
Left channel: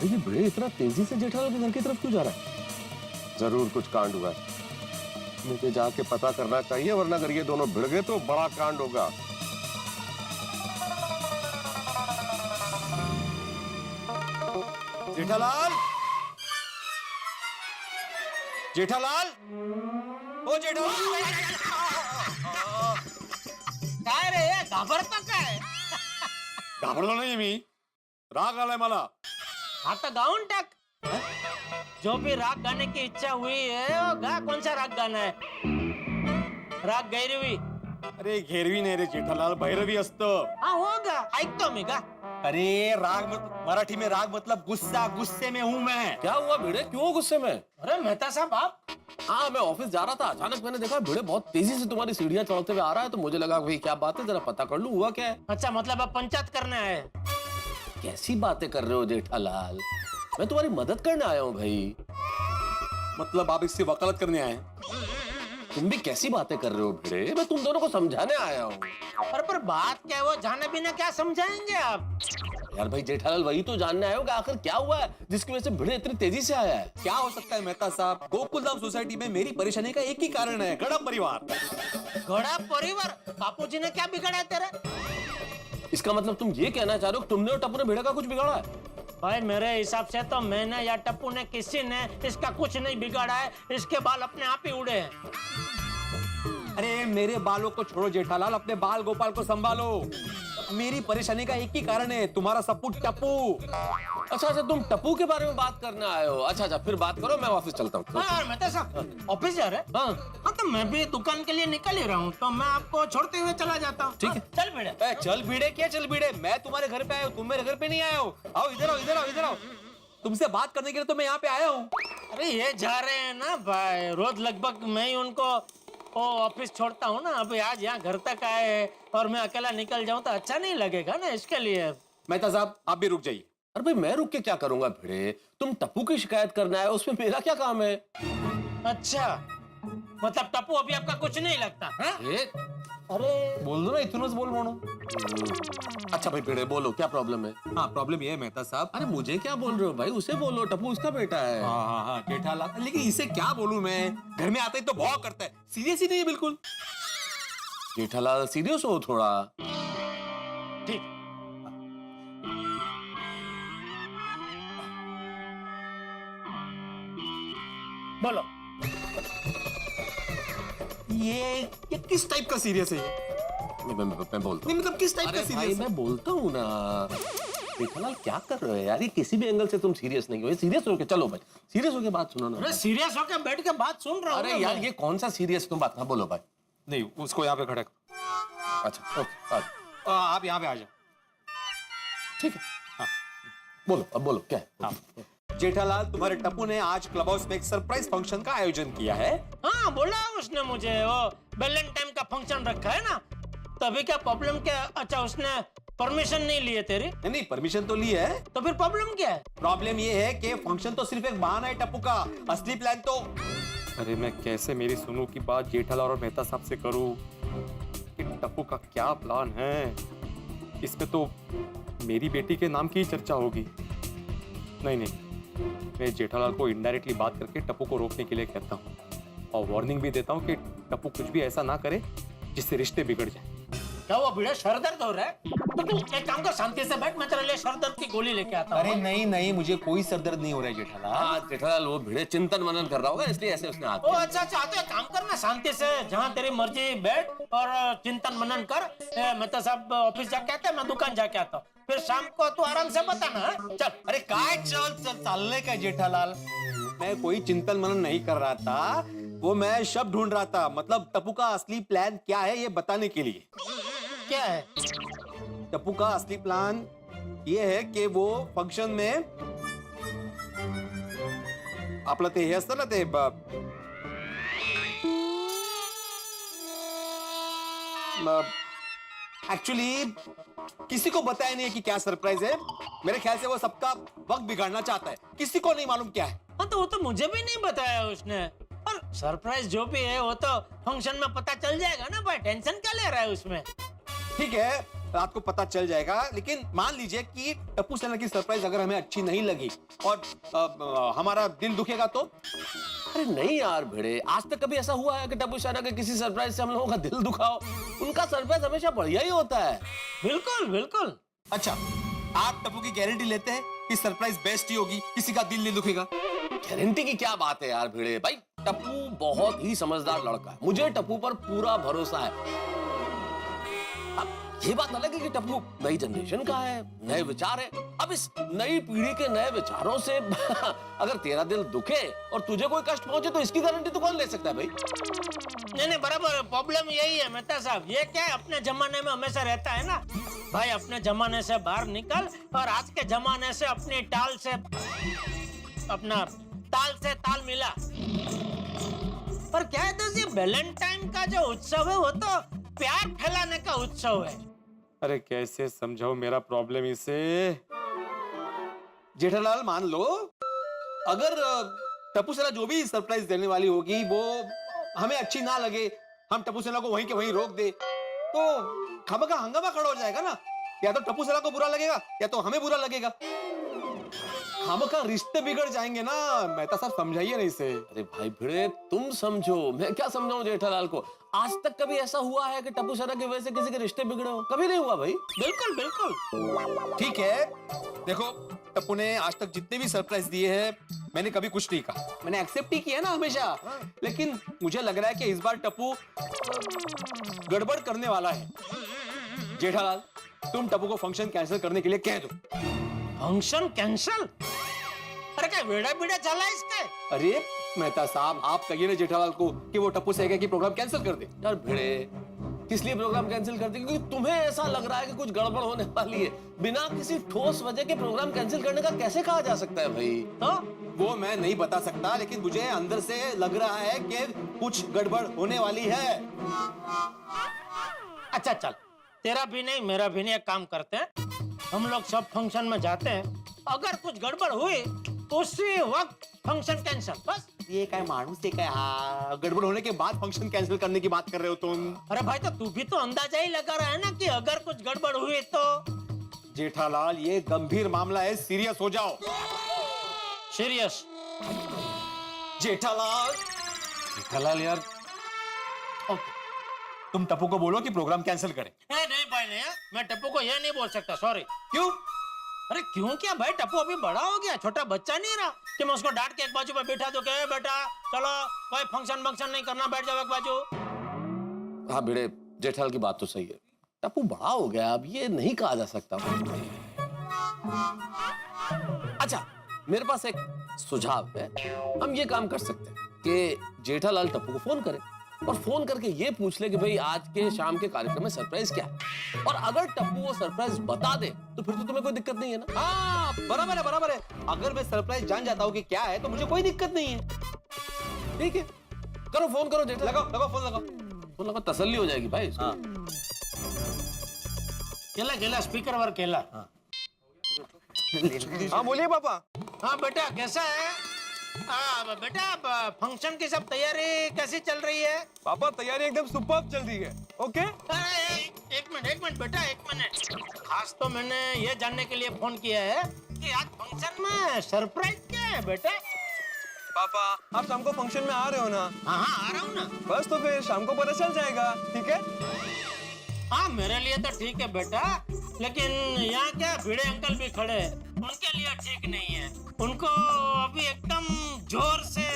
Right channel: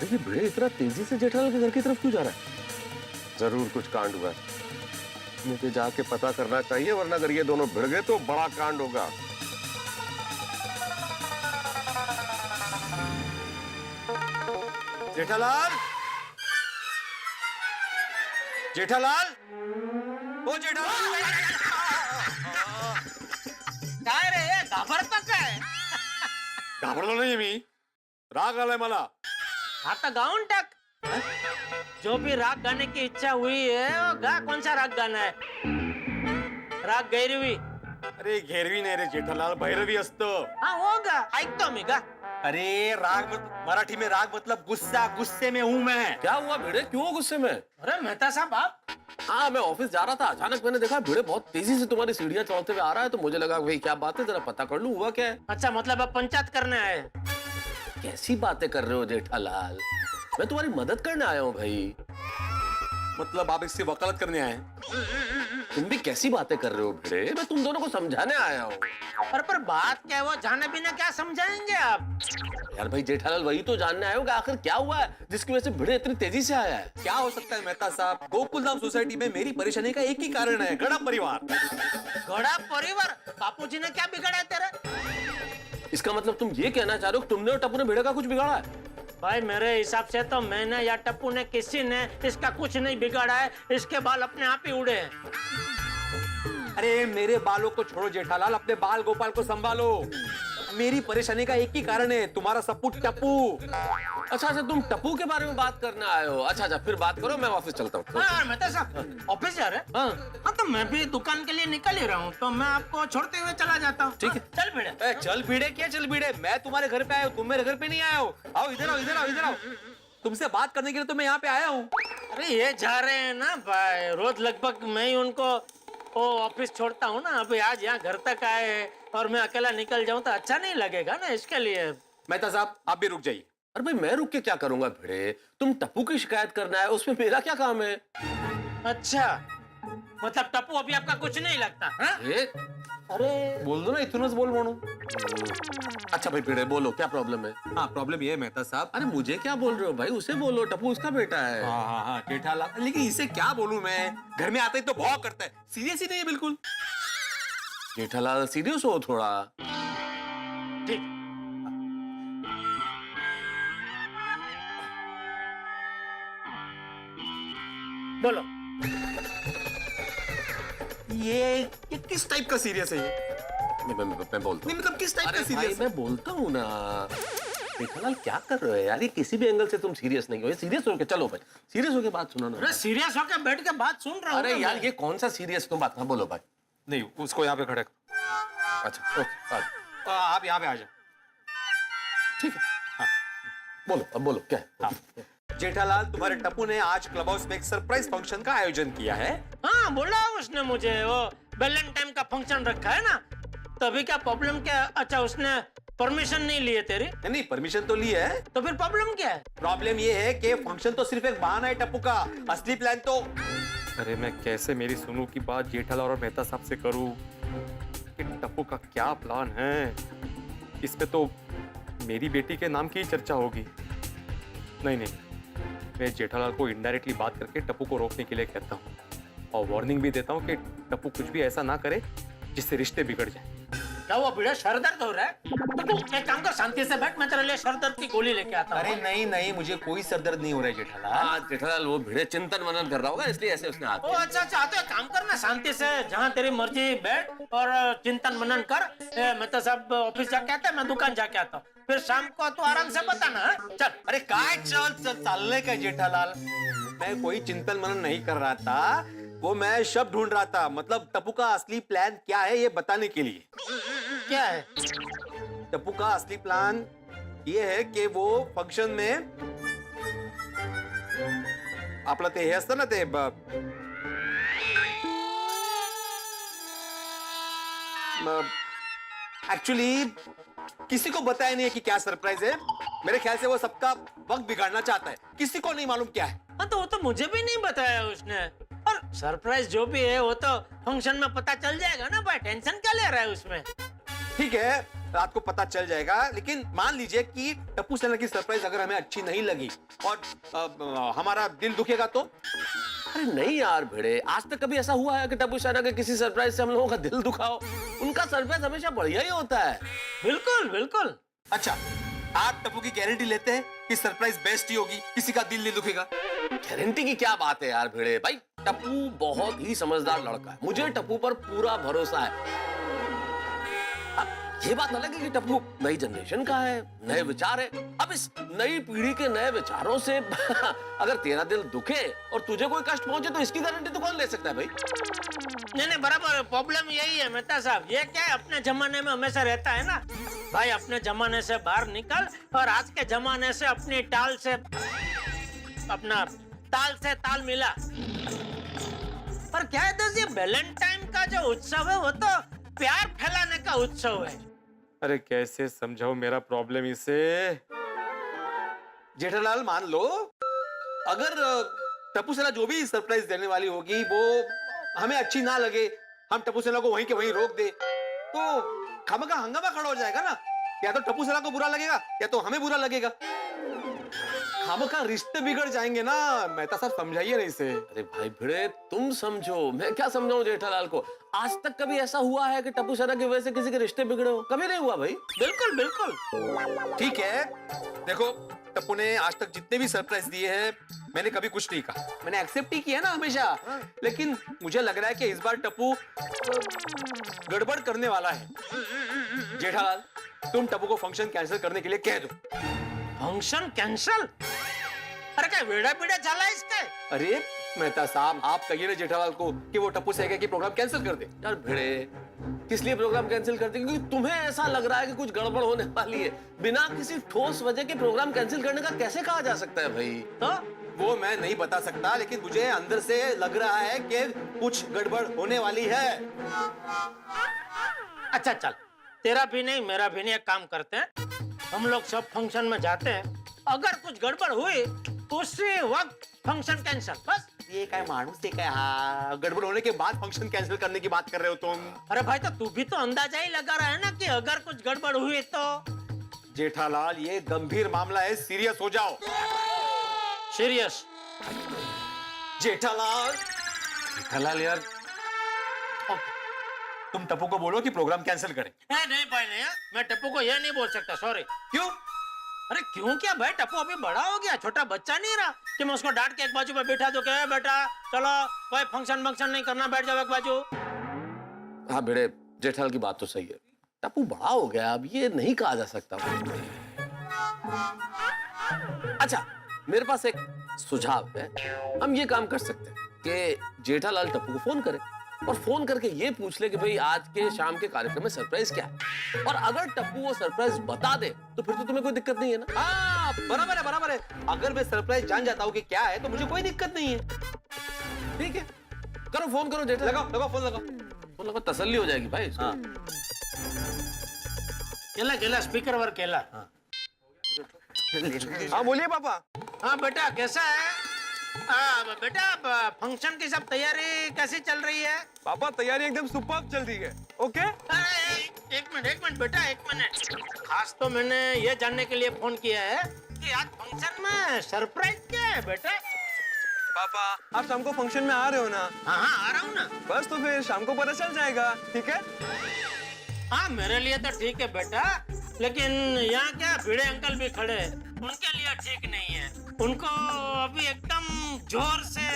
ये भिड़े इतना तेजी से जेठालाल के घर की तरफ क्यों जा रहा है? जरूर कुछ कांड हुआ है, मुझे जाके पता करना चाहिए, वरना अगर ये दोनों भिड़ गए तो बड़ा कांड होगा। जेठालाल, ओ जेठालाल, काय रे, घाबरता काय? घाबरलो नाही मी, राग आलाय मला। आता गाऊन टाक। जो भी राग गाने की इच्छा हुई है वो गा। कौन सा राग गाना है? राग गैरवी, अरे घेरवी नाही रे जेठालाल, भैरवी असतं. हाँ होगा, ऐकतो मी का. अरे राग मराठी में राग मतलब गुस्सा, गुस्से में हूँ मैं. क्या हुआ भिड़े, क्यों गुस्से में? अरे मेहता साहब आप. हाँ मैं ऑफिस जा रहा था, अचानक मैंने देखा भिड़े बहुत तेजी से तुम्हारी सीढ़ियां चढ़ते हुए आ रहा है, तो मुझे लगा भाई क्या बात है, जरा पता कर लूं हुआ क्या है. अच्छा मतलब आप पंचायत करने आए. कैसी बातें कर रहे हो जेठालाल, मैं तुम्हारी मदद करने आया हूँ भाई. मतलब आप इससे वकालत करने आए हैं? तुम भी कैसी बातें कर रहे हो भिड़े, मैं तुम दोनों को समझाने आया हूँ. पर बात क्या है, वो जाने बिना क्या समझाएंगे आप. यार भाई जेठालाल वही तो जानने आए हो कि आखिर क्या हुआ है जिसकी वजह से भिड़े इतनी तेजी से आया है. क्या हो सकता है मेहता साहब, गोकुलधाम सोसाइटी में मेरी परेशानी का एक ही कारण है, गड़ा परिवार. घड़ा परिवार, बापूजी ने क्या बिगाड़ा तेरा. इसका मतलब तुम ये कहना चाह रहे हो कि तुमने और टप्पू ने भिड़े का कुछ बिगाड़ा है? भाई मेरे हिसाब से तो मैंने या टप्पू ने किसी ने इसका कुछ नहीं बिगाड़ा है, इसके बाल अपने आप ही उड़े हैं. अरे मेरे बालों को छोड़ो जेठालाल, अपने बाल गोपाल को संभालो. मेरी परेशानी का एक ही कारण है, तुम्हारा सपूत टप्पू. अच्छा अच्छा तुम टप्पू के बारे में बात करने आए हो. अच्छा अच्छा फिर बात करो, मैं ऑफिस चलता हूँ. हाँ मेहता साहब ऑफिस जा रहे. हाँ तो मैं भी दुकान के लिए निकल ही रहा हूँ, तो मैं आपको छोड़ते हुए चला जाता हूँ. ठीक है. चल भिड़े. चल भिड़े क्या चल भिड़े, मैं तुम्हारे घर पे आया हूँ, तुम मेरे घर पे नहीं आए हो. आओ इधर आओ, इधर आओ, इधर आओ. तुमसे बात करने के लिए तो मैं यहाँ पे आया हूँ. अरे ये जा रहे हैं ना भाई, रोज लगभग मैं ही उनको वो ऑफिस छोड़ता हूँ ना. अभी आज यहाँ घर तक आए हैं और मैं अकेला निकल जाऊँ तो अच्छा नहीं लगेगा ना, इसके लिए. मेहता साहब आप भी रुक जाइए. अरे भाई मैं रुक के क्या करूंगा भिड़े, तुम टप्पू की शिकायत करना है, उसमें मेरा क्या काम है? अच्छा मतलब टप्पू अभी आपका कुछ नहीं लगता. हाँ? अरे बोल दो ना, इतनोच बोल मोनू. अच्छा भाई भिड़े बोलो क्या प्रॉब्लम है? हाँ प्रॉब्लम ये है मेहता साहब. अरे मुझे क्या बोल रहे हो भाई, उसे बोलो, टप्पू उसका बेटा है. हाँ हाँ हाँ जेठालाल, लेकिन इसे क्या बोलूं मैं, घर में आते ही तो भौं करता है, सीरियस ही नहीं है बिल्कुल. जेठालाल सीरियस हो थोड़ा. ठीक. बोलो. ये किस टाइप का सीरियस है ये? मैं बोलता नहीं मतलब किस टाइप हूँ. का अरे भाई सीरियस? मैं बोलता हूँ ना. जेठालाल क्या कर रहे हो यार, ये किसी भी एंगल से तुम सीरियस नहीं हो. सीरियस होके चलो भाई, सीरियस होके बात सुनो ना. अरे सीरियस होकर बैठ के बात सुन रहा हूँ. अरे यार ये कौन सा सीरियस तुम बात. हाँ बोलो भाई. नहीं उसको यहाँ पे खड़े. अच्छा ओके आप यहाँ पे आ जाओ. ठीक है. हाँ बोलो, अब बोलो क्या है? जेठालाल तुम्हारे टप्पू ने आज क्लब हाउस में एक सरप्राइज फंक्शन का आयोजन किया है. हाँ बोला उसने मुझे, वो वैलेंटाइन का फंक्शन रखा है ना, तभी क्या प्रॉब्लम क्या. अच्छा उसने परमिशन नहीं ली है तेरी? नहीं परमिशन तो ली है. तो फिर प्रॉब्लम क्या है? प्रॉब्लम ये है कि फंक्शन तो सिर्फ एक बहाना है टप्पू का, असली प्लान तो. अरे मैं कैसे मेरी सुनू की बात जेठालाल और मेहता साहब से करूं कि टप्पू का क्या प्लान है. इसमें तो मेरी बेटी के नाम की ही चर्चा होगी. नहीं मैं जेठालाल को इनडायरेक्टली बात करके टप्पू को रोकने के लिए कहता हूँ और वार्निंग भी देता हूँ कि टप्पू कुछ भी ऐसा ना करे जिससे रिश्ते बिगड़ जाए. क्या वो भिड़ा सर दर्द हो रहा है? तो तू एक काम कर, शांति से बैठ, मैं तेरे लिए सर दर्द की गोली लेके आता हूँ. अरे नहीं मुझे कोई सरदर्द नहीं हो रहा है जेठालाल. हाँ जेठालाल वो भिड़े चिंतन मनन कर रहा होगा इसलिए ऐसे उसने हाथ ओ अच्छा तो एक काम करना, शांति से जहाँ तेरी मर्जी बैठ और चिंतन मनन कर. मैं तो सब ऑफिस जाके आता है, मैं दुकान जाके आता हूँ, फिर शाम को तू आराम से बताना. हाँ? चल. अरे काय चल चालने का जेठालाल. मैं कोई चिंतन मनन नहीं कर रहा था, वो मैं शब्द ढूंढ रहा था, मतलब टप्पू का असली प्लान क्या है ये बताने के लिए. क्या है? टप्पू का असली प्लान ये है कि वो फंक्शन में आपलं ते हे असतं ना ते एक्चुअली किसी को बताया नहीं है कि क्या सरप्राइज है. मेरे ख्याल से वो सबका वक्त बिगाड़ना चाहता है, किसी को नहीं मालूम क्या है. हाँ तो वो तो मुझे भी नहीं बताया उसने. और सरप्राइज जो भी है वो तो फंक्शन में पता चल जाएगा ना भाई, टेंशन क्या ले रहा है उसमें. ठीक है रात को पता चल जाएगा, लेकिन मान लीजिए कि टप्पू सेना की सरप्राइज अगर हमें अच्छी नहीं लगी और हमारा दिल दुखेगा तो. अरे नहीं यार भिड़े, आज तक कभी ऐसा हुआ है कि टप्पू सेना के किसी सरप्राइज से हम लोगों का दिल दुखाओ? उनका सरप्राइज हमेशा बढ़िया ही होता है. बिल्कुल. अच्छा आप टप्पू की गारंटी लेते हैं कि सरप्राइज बेस्ट ही होगी, किसी का दिल नहीं दुखेगा? गारंटी की क्या बात है यार भिड़े. भाई टप्पू बहुत ही समझदार लड़का है, मुझे टप्पू पर पूरा भरोसा है. अब ये बात अलग है कि टप्पू नई जनरेशन का है, नए विचार है. अब इस नई पीढ़ी के नए विचारों से अगर तेरा दिल दुखे और तुझे कोई कष्ट पहुंचे तो इसकी गारंटी तो कौन ले सकता है भाई? नहीं बराबर, प्रॉब्लम यही है मेहता साहब। ये क्या है, अपने जमाने में हमेशा रहता है ना भाई, अपने जमाने से बाहर निकल और आज के जमाने से अपनी ताल से ताल मिला। पर क्या है दोस्त, ये वैलेंटाइन का जो उत्सव है वो तो प्यार फैलाने का उत्सव है। अरे कैसे समझाओ मेरा प्रॉब्लम इसे। जेठालाल मान लो, अगर टप्पू सेना जो भी सरप्राइज देने वाली होगी वो हमें अच्छी ना लगे, हम टप्पू सेना को वहीं के वहीं रोक दे, तो खामखा हंगामा खड़ा हो जाएगा ना। या तो टप्पू सेना को बुरा लगेगा या तो हमें बुरा लगेगा, खामखा रिश्ते बिगड़ जाएंगे ना। मेहता साहब समझाइए ना इसे। अरे भाई भिड़े, तुम समझो, मैं क्या समझाऊं जेठालाल को। आज तक कभी ऐसा हुआ है कि टप्पू सेना की वजह से किसी के रिश्ते बिगड़े हो? कभी नहीं हुआ भाई। बिल्कुल बिल्कुल। ठीक है, देखो टप्पू ने आज तक जितने भी सरप्राइज दिए हैं मैंने कभी कुछ नहीं कहा, मैंने एक्सेप्ट ही किया ना हमेशा। लेकिन मुझे लग रहा है कि इस बार टप्पू गड़बड़ करने वाला है। जेठालाल, तुम टप्पू को फंक्शन कैंसिल करने के लिए कह दो। Function cancel? अरे क्या वेड़ा बिड़ा चला है इसके? अरे मेहता साहब, आप कहिए ना जेठालाल को कि वो टप्पू से कहे कि प्रोग्राम कैंसिल कर दे। यार भिड़े, किस लिए प्रोग्राम कैंसिल करते? क्योंकि तुम्हें ऐसा लग रहा है कि कुछ गड़बड़ होने वाली है। बिना किसी ठोस वजह के प्रोग्राम कैंसिल करने का कैसे कहा जा सकता है भाई? तो वो मैं नहीं बता सकता, लेकिन मुझे अंदर से लग रहा है कि कुछ गड़बड़ होने वाली है। अच्छा चल, तेरा भी नहीं मेरा भी नहीं, एक काम करते हैं, हम लोग सब फंक्शन में जाते हैं, अगर कुछ गड़बड़ हुई उसी वक्त फंक्शन कैंसिल, बस। ये क्या मानुस है क्या? हाँ, गड़बड़ होने के बाद फंक्शन कैंसिल करने की बात कर रहे हो तुम। अरे भाई, तो तू भी तो अंदाजा ही लगा रहा है ना कि अगर कुछ गड़बड़ हुई तो। जेठालाल, ये गंभीर मामला है, सीरियस हो जाओ। सीरियस? जेठालाल यार, ओके, तुम टप्पू को बोलो कि प्रोग्राम कैंसिल करे। नहीं भाई नहीं, मैं टप्पू को ये नहीं बोल सकता, सॉरी। क्यों? अरे क्यों क्या भाई, टप्पू अभी बड़ा हो गया, छोटा बच्चा नहीं रहा कि मैं उसको डांट के एक बाजू पे बैठा दूं कि बेटा चलो कोई फंक्शन नहीं करना, बैठ जाओ एक बाजू। हाँ भिड़े, जेठालाल की बात तो सही है, टप्पू बड़ा हो गया, अब ये नहीं कहा जा सकता। अच्छा, मेरे पास एक सुझाव है। हम ये काम कर सकते हैं कि जेठालाल टप्पू को फोन करे और फोन करके ये पूछ ले कि भाई आज के शाम के कार्यक्रम में सरप्राइज क्या है, और अगर टप्पू वो सरप्राइज बता दे तो फिर तो तुम्हें कोई दिक्कत नहीं है ना। हाँ, बराबर है। अगर मैं सरप्राइज जान जाता हूँ कि क्या है तो मुझे कोई दिक्कत नहीं है। ठीक है, करो फोन करो जेठालाल। लगाओ फोन लगाओ, तसल्ली हो जाएगी भाई। हाँ। केला स्पीकर वर केला। हाँ बोलिए पापा। हाँ बेटा, कैसा है? बेटा, फंक्शन की सब तैयारी कैसी चल रही है? पापा तैयारी एकदम सुपर्ब चल रही है। ओके, एक मिनट बेटा, एक मिनट। खास तो मैंने ये जानने के लिए फोन किया है कि आज फंक्शन में सरप्राइज क्या है बेटा? पापा आप शाम को फंक्शन में आ रहे हो ना? हाँ आ रहा हूँ ना। बस तो फिर शाम को पता चल जाएगा, ठीक है? हाँ मेरे लिए तो ठीक है बेटा, लेकिन यहाँ क्या भिड़े अंकल भी खड़े हैं, उनके लिए ठीक नहीं है। उनको अभी एकदम जोर से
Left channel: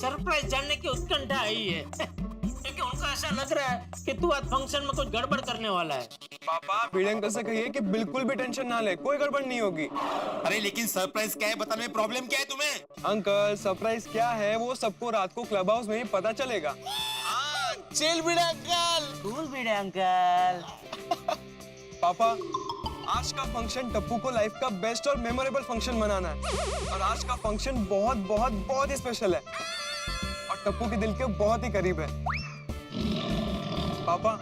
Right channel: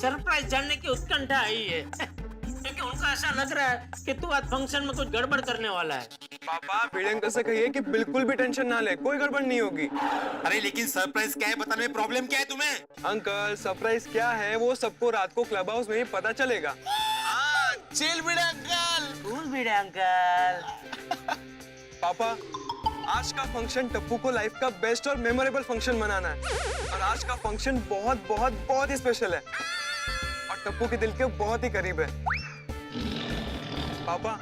सरप्राइज जानने की उत्कंठा आई है क्योंकि उनको ऐसा लग रहा है कि तू आज फंक्शन में कुछ गड़बड़ करने वाला है। पापा भिड़े अंकल से कहिए कि बिल्कुल भी टेंशन ना ले, कोई गड़बड़ नहीं होगी। अरे लेकिन सरप्राइज क्या है बताने में प्रॉब्लम क्या है तुम्हें? अंकल सरप्राइज क्या है वो सबको रात को क्लब हाउस में ही पता चलेगा। चिल भिड़े अंकल। कूल भिड़े अंकल। पापा आज का फंक्शन टप्पू को लाइफ का बेस्ट और मेमोरेबल फंक्शन मनाना है, और आज का फंक्शन बहुत बहुत बहुत ही स्पेशल है और टप्पू के दिल के बहुत ही करीब है। पापा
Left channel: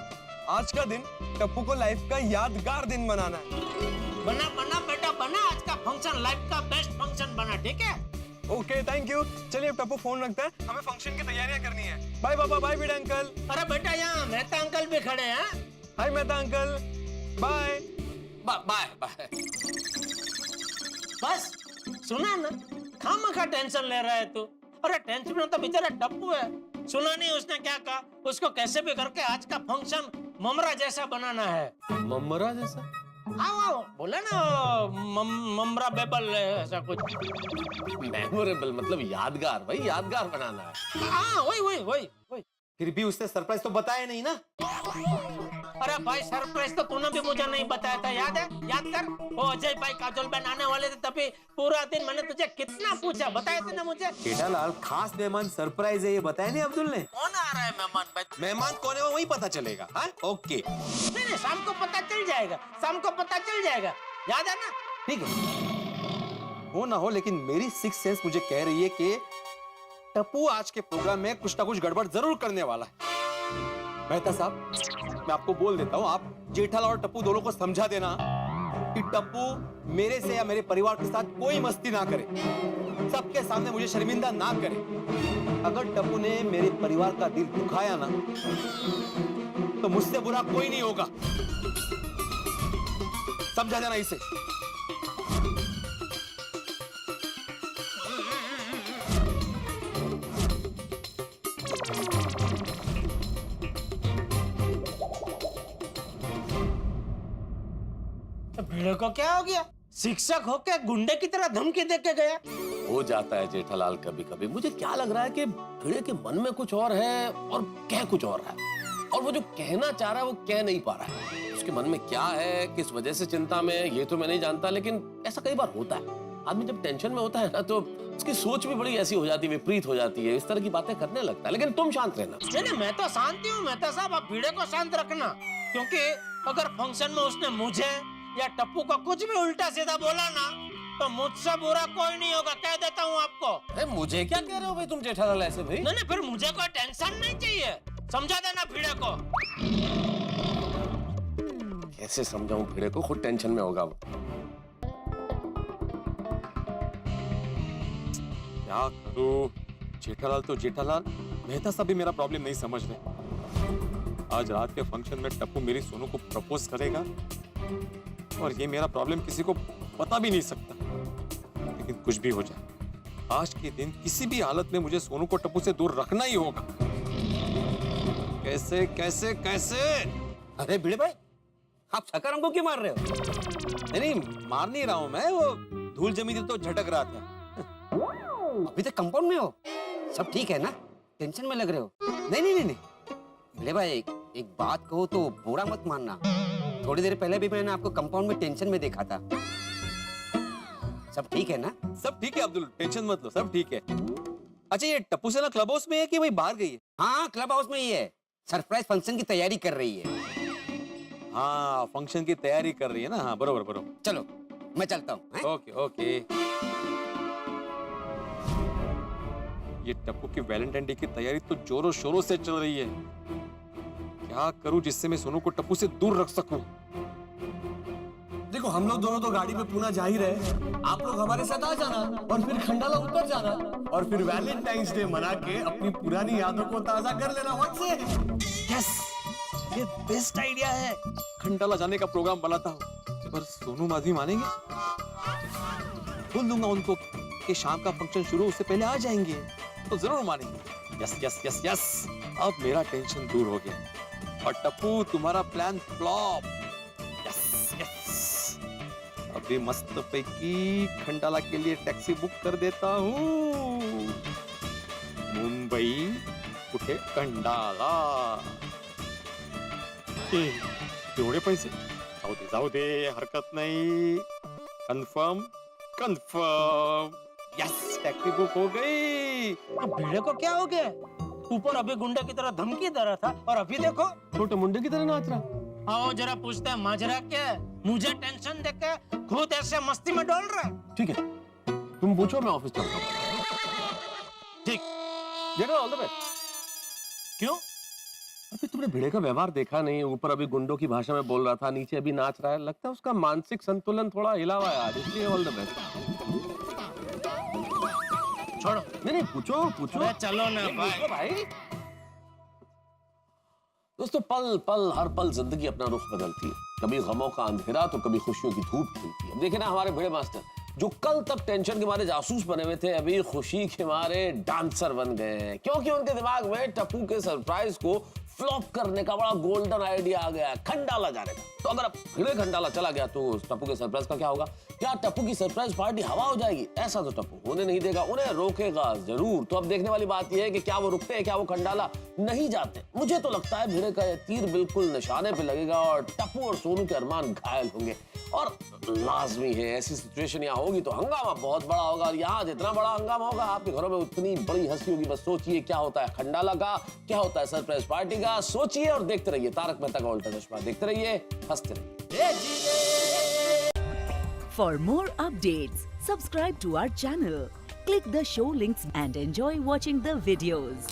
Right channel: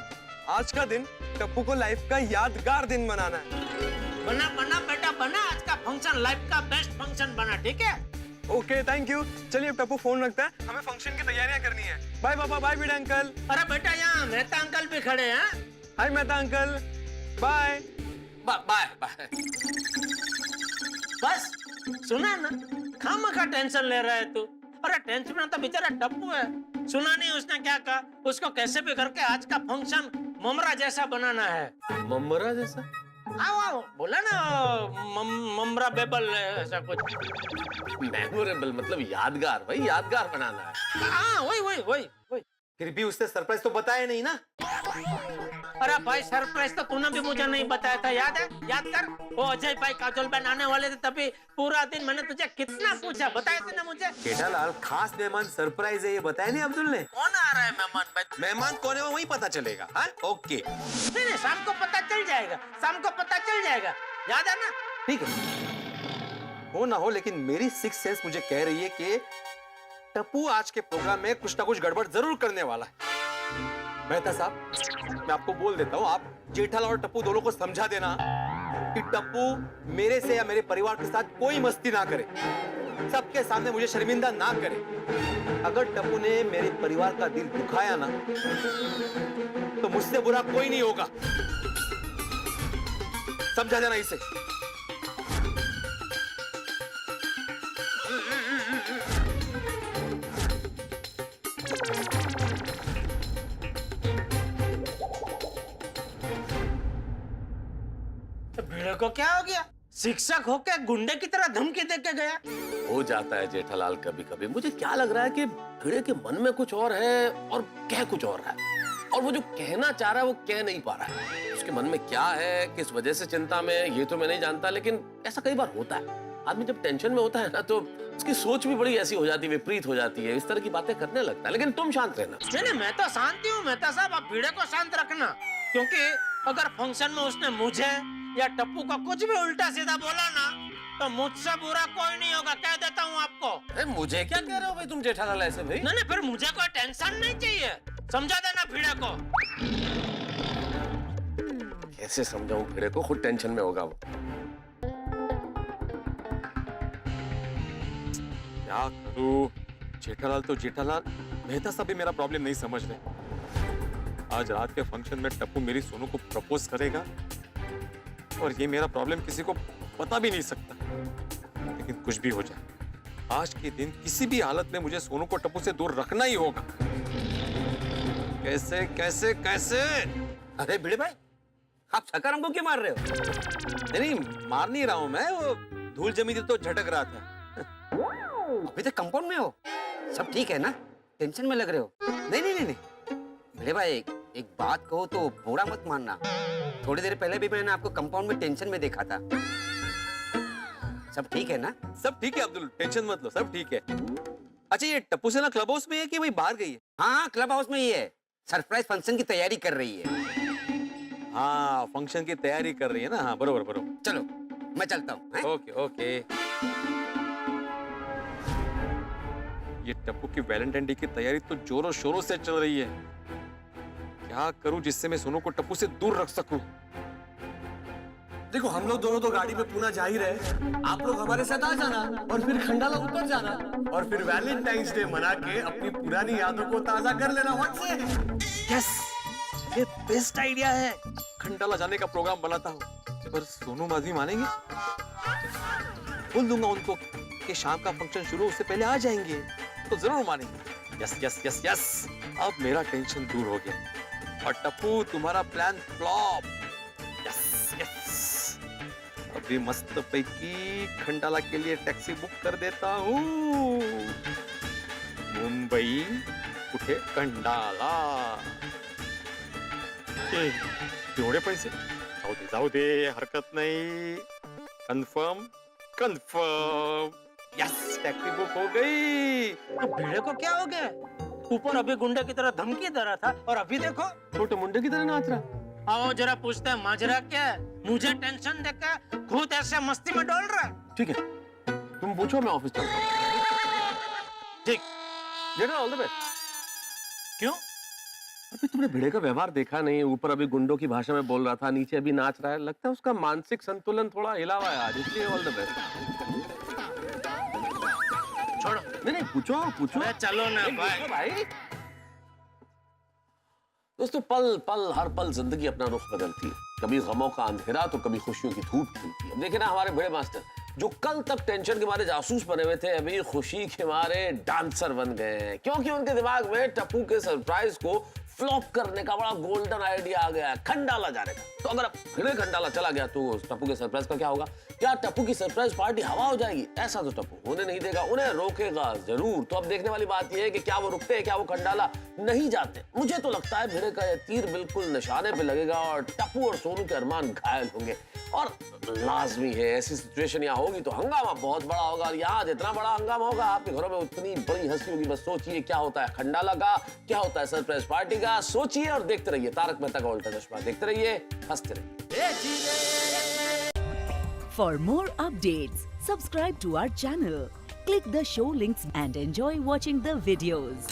आज का दिन टप्पू को लाइफ का यादगार दिन बनाना है। बना बेटा बना, आज का फंक्शन लाइफ का बेस्ट फंक्शन बना, ठीक है? Okay thank you. चलिए अब टप्पू फोन रखता है, हमें फंक्शन की तैयारियां करनी है। बाय पापा, बाय भिड़े अंकल। अरे बेटा, यहाँ मेहता अंकल भी खड़े हैं। Hi Mehta uncle, bye bye bye. बस सुना ना, खामखा टेंशन ले रहा है तू। अरे टेंशन में तो बेचारा टप्पू है, सुना नहीं उसने क्या कहा? उसको कैसे भी करके आज का फंक्शन ममरा जैसा बनाना है। ममरा जैसा? हाँ बोला ना, ममरा बेबल ऐसा कुछ। मेमोरेबल मतलब यादगार भाई, यादगार बनाना है। हाँ वही। फिर भी उसने सरप्राइज तो बताया नहीं ना। अरे भाई सरप्राइज तो तूने भी मुझे नहीं बताया था, याद है? याद कर, वो अजय भाई काजोल बहन आने वाले थे, तभी पूरा दिन मैंने तुझे कितना पूछा, बताया थे ना मुझे? जेठालाल, खास मेहमान सरप्राइज है, ये बताया नहीं अब्दुल ने? कौन आ रहा है मेहमान भाई? मेहमान कौन है वो वही पता चलेगा। हाँ, ओके, नहीं, शाम को पता चल जाएगा, शाम को पता चल जाएगा, याद है ना? ठीक है, हो ना हो, लेकिन मेरी सिक्स सेंस मुझे कह रही है कि टप्पू आज के प्रोग्राम में कुछ ना कुछ गड़बड़ जरूर करने वाला है। मेहता साहब, मैं आपको बोल देता हूँ, आप जेठालाल और टप्पू दोनों को समझा देना कि टप्पू मेरे से या मेरे परिवार के साथ कोई मस्ती ना करे, सबके सामने मुझे शर्मिंदा ना करे। अगर टप्पू ने मेरे परिवार का दिल दुखाया ना, तो मुझसे बुरा कोई नहीं होगा, समझा देना इसे। भिड़े को क्या हो गया? शिक्षक होके गुंडे की तरह धमकी दे के गया। हो जाता है जेठालाल कभी कभी। मुझे क्या लग रहा है कि भिड़े के मन में कुछ और है और कह कुछ और रहा है, और वो जो कहना चाह रहा है वो कह नहीं पा रहा है। उसके मन में क्या है, किस वजह से चिंता में, ये तो मैं नहीं जानता, लेकिन ऐसा कई बार होता है। आदमी जब टेंशन में होता है ना, तो उसकी सोच भी बड़ी ऐसी हो जाती है, विपरीत हो जाती है, इस तरह की बातें करने लगता है। लेकिन तुम शांत रहना। नहीं, मैं तो शांति हूँ मेहता साहब, आप भिड़े को शांत रखना, क्योंकि अगर फंक्शन में उसने मुझे या टप्पू को कुछ भी उल्टा सीधा बोला ना, तो मुझसे बुरा कोई नहीं होगा, कह देता हूँ आपको। अरे मुझे क्या कह रहे हो भाई तुम जेठालाल ऐसे भाई? नहीं, फिर मुझे कोई टेंशन नहीं चाहिए, समझा देना भिड़े को। कैसे समझाऊं भिड़े को, खुद टेंशन में होगा वो। क्या करूं? जेठालाल तो जेठालाल, मेहता साहब भी मेरा प्रॉब्लम नहीं समझ रहे। आज रात के फंक्शन में टप्पू मेरी सोनू को प्रपोज करेगा, और ये मेरा प्रॉब्लम किसी को बता भी नहीं सकता। लेकिन कुछ भी हो जाए, आज के दिन किसी भी हालत में मुझे सोनू को टप्पू से दूर रखना ही होगा। कैसे कैसे कैसे? अरे भिड़े भाई, आप छक्का हमको क्यों मार रहे हो? नहीं, मार नहीं रहा हूं मैं, वो धूल जमी थी तो झटक रहा था। अभी तक कंपाउंड में हो? सब ठीक है ना? टेंशन में लग रहे हो? नहीं नहीं नहीं नहीं। भिड़े भाई, एक बात कहो तो बुरा मत मानना, थोड़ी देर पहले भी मैंने आपको कंपाउंड में टेंशन में देखा था। सब ठीक है ना? सब ठीक है अब्दुल, टेंशन मत लो, सब ठीक है। अच्छा, ये टप्पू से ना क्लब हाउस में है कि वही बाहर गई है? हाँ, क्लब हाउस में ही है, सरप्राइज फंक्शन की तैयारी कर रही है। हाँ, फंक्शन की तैयारी कर रही है ना। हाँ, बरोबर बरोबर। चलो मैं चलता हूँ। Okay okay. ये टप्पू की वैलेंटाइन डे की तैयारी तो जोरों शोरों से चल रही है। क्या करूं जिससे मैं सोनू को टप्पू से दूर रख सकूं? देखो, हम लोग दोनों तो गाड़ी में पूना जा ही रहे, आप लोग हमारे साथ आ जाना और फिर खंडाला उतर जाना, और फिर वैलेंटाइंस डे मना के अपनी पुरानी यादों को ताजा कर लेना। व्हाट से? यस, ये बेस्ट आइडिया है। खंडाला जाने का प्रोग्राम बनाता हूँ, पर सोनू माधवी मानेंगे? बोल दूंगा उनको कि शाम का फंक्शन शुरू उससे पहले आ जाएंगे, तो जरूर मानेंगे। यस यस यस यस, अब मेरा टेंशन दूर हो गया। और टप्पू, तुम्हारा प्लान फ्लॉप। यस यस, अभी मस्त पैकी खंडाला के लिए टैक्सी बुक कर देता हूँ। मुंबई कुठे खंडाला। एवढे पैसे? जाऊ दे, हरकत नाही। Confirm confirm. Yes, taxi book हो गई। भिड़े को क्या हो गया? ऊपर अभी गुंडे की तरह धमकी दे रहा था, और अभी देखो छोटे मुंडे की तरह नाच रहा। आओ जरा पूछते हैं माजरा क्या है? मुझे टेंशन देकर खुद ऐसे मस्ती में डोल रहा है। ठीक है, तुम पूछो, मैं ऑफिस चलता हूँ। ठीक, जेठा, ऑल द बेस्ट। क्यों? अभी तुमने भिड़े का व्यवहार देखा नहीं, ऊपर अभी गुंडों की भाषा में बोल रहा था, नीचे अभी नाच रहा है, लगता है उसका मानसिक संतुलन थोड़ा हिला हुआ है आज, इसलिए ऑल द बेस्ट। छोड़ो। नहीं, पूछो पूछो। अरे चलो ना भाई। भाई दोस्तों, पल पल हर पल जिंदगी अपना रुख बदलती है, कभी गमों का अंधेरा तो कभी खुशियों की धूप खिलती है। अब देखे ना हमारे भिड़े मास्टर, जो कल तक टेंशन के मारे जासूस बने हुए थे, अभी खुशी के मारे डांसर बन गए हैं, क्योंकि उनके दिमाग में टप्पू के सरप्राइज को फ्लॉप करने का बड़ा गोल्डन आइडिया आ गया है, खंडाला जाने का। तो अगर अब भिड़े खंडाला चला गया तो टप्पू के सरप्राइज का क्या होगा? क्या टप्पू की सरप्राइज पार्टी हवा हो जाएगी? ऐसा तो टप्पू होने नहीं देगा, उन्हें रोकेगा जरूर। तो अब देखने वाली बात यह है कि क्या वो रुकते हैं, क्या वो खंडाला नहीं जाते। मुझे तो लगता है भिड़े का यह तीर बिल्कुल निशाने पे लगेगा और टप्पू और सोनू के अरमान घायल होंगे। और लाजमी है ऐसी सिचुएशन यहाँ होगी तो हंगामा बहुत बड़ा होगा, और यहाँ जितना बड़ा हंगामा होगा आपके घरों में उतनी बड़ी हंसी होगी। बस सोचिए क्या होता है खंडाला का, क्या होता है सरप्राइज पार्टी का। सोचिए और देखते रहिए तारक मेहता का उल्टा चश्मा। देखते रहिए, हंसते रहिए। For more updates, subscribe to our channel, click the show links and enjoy watching the videos.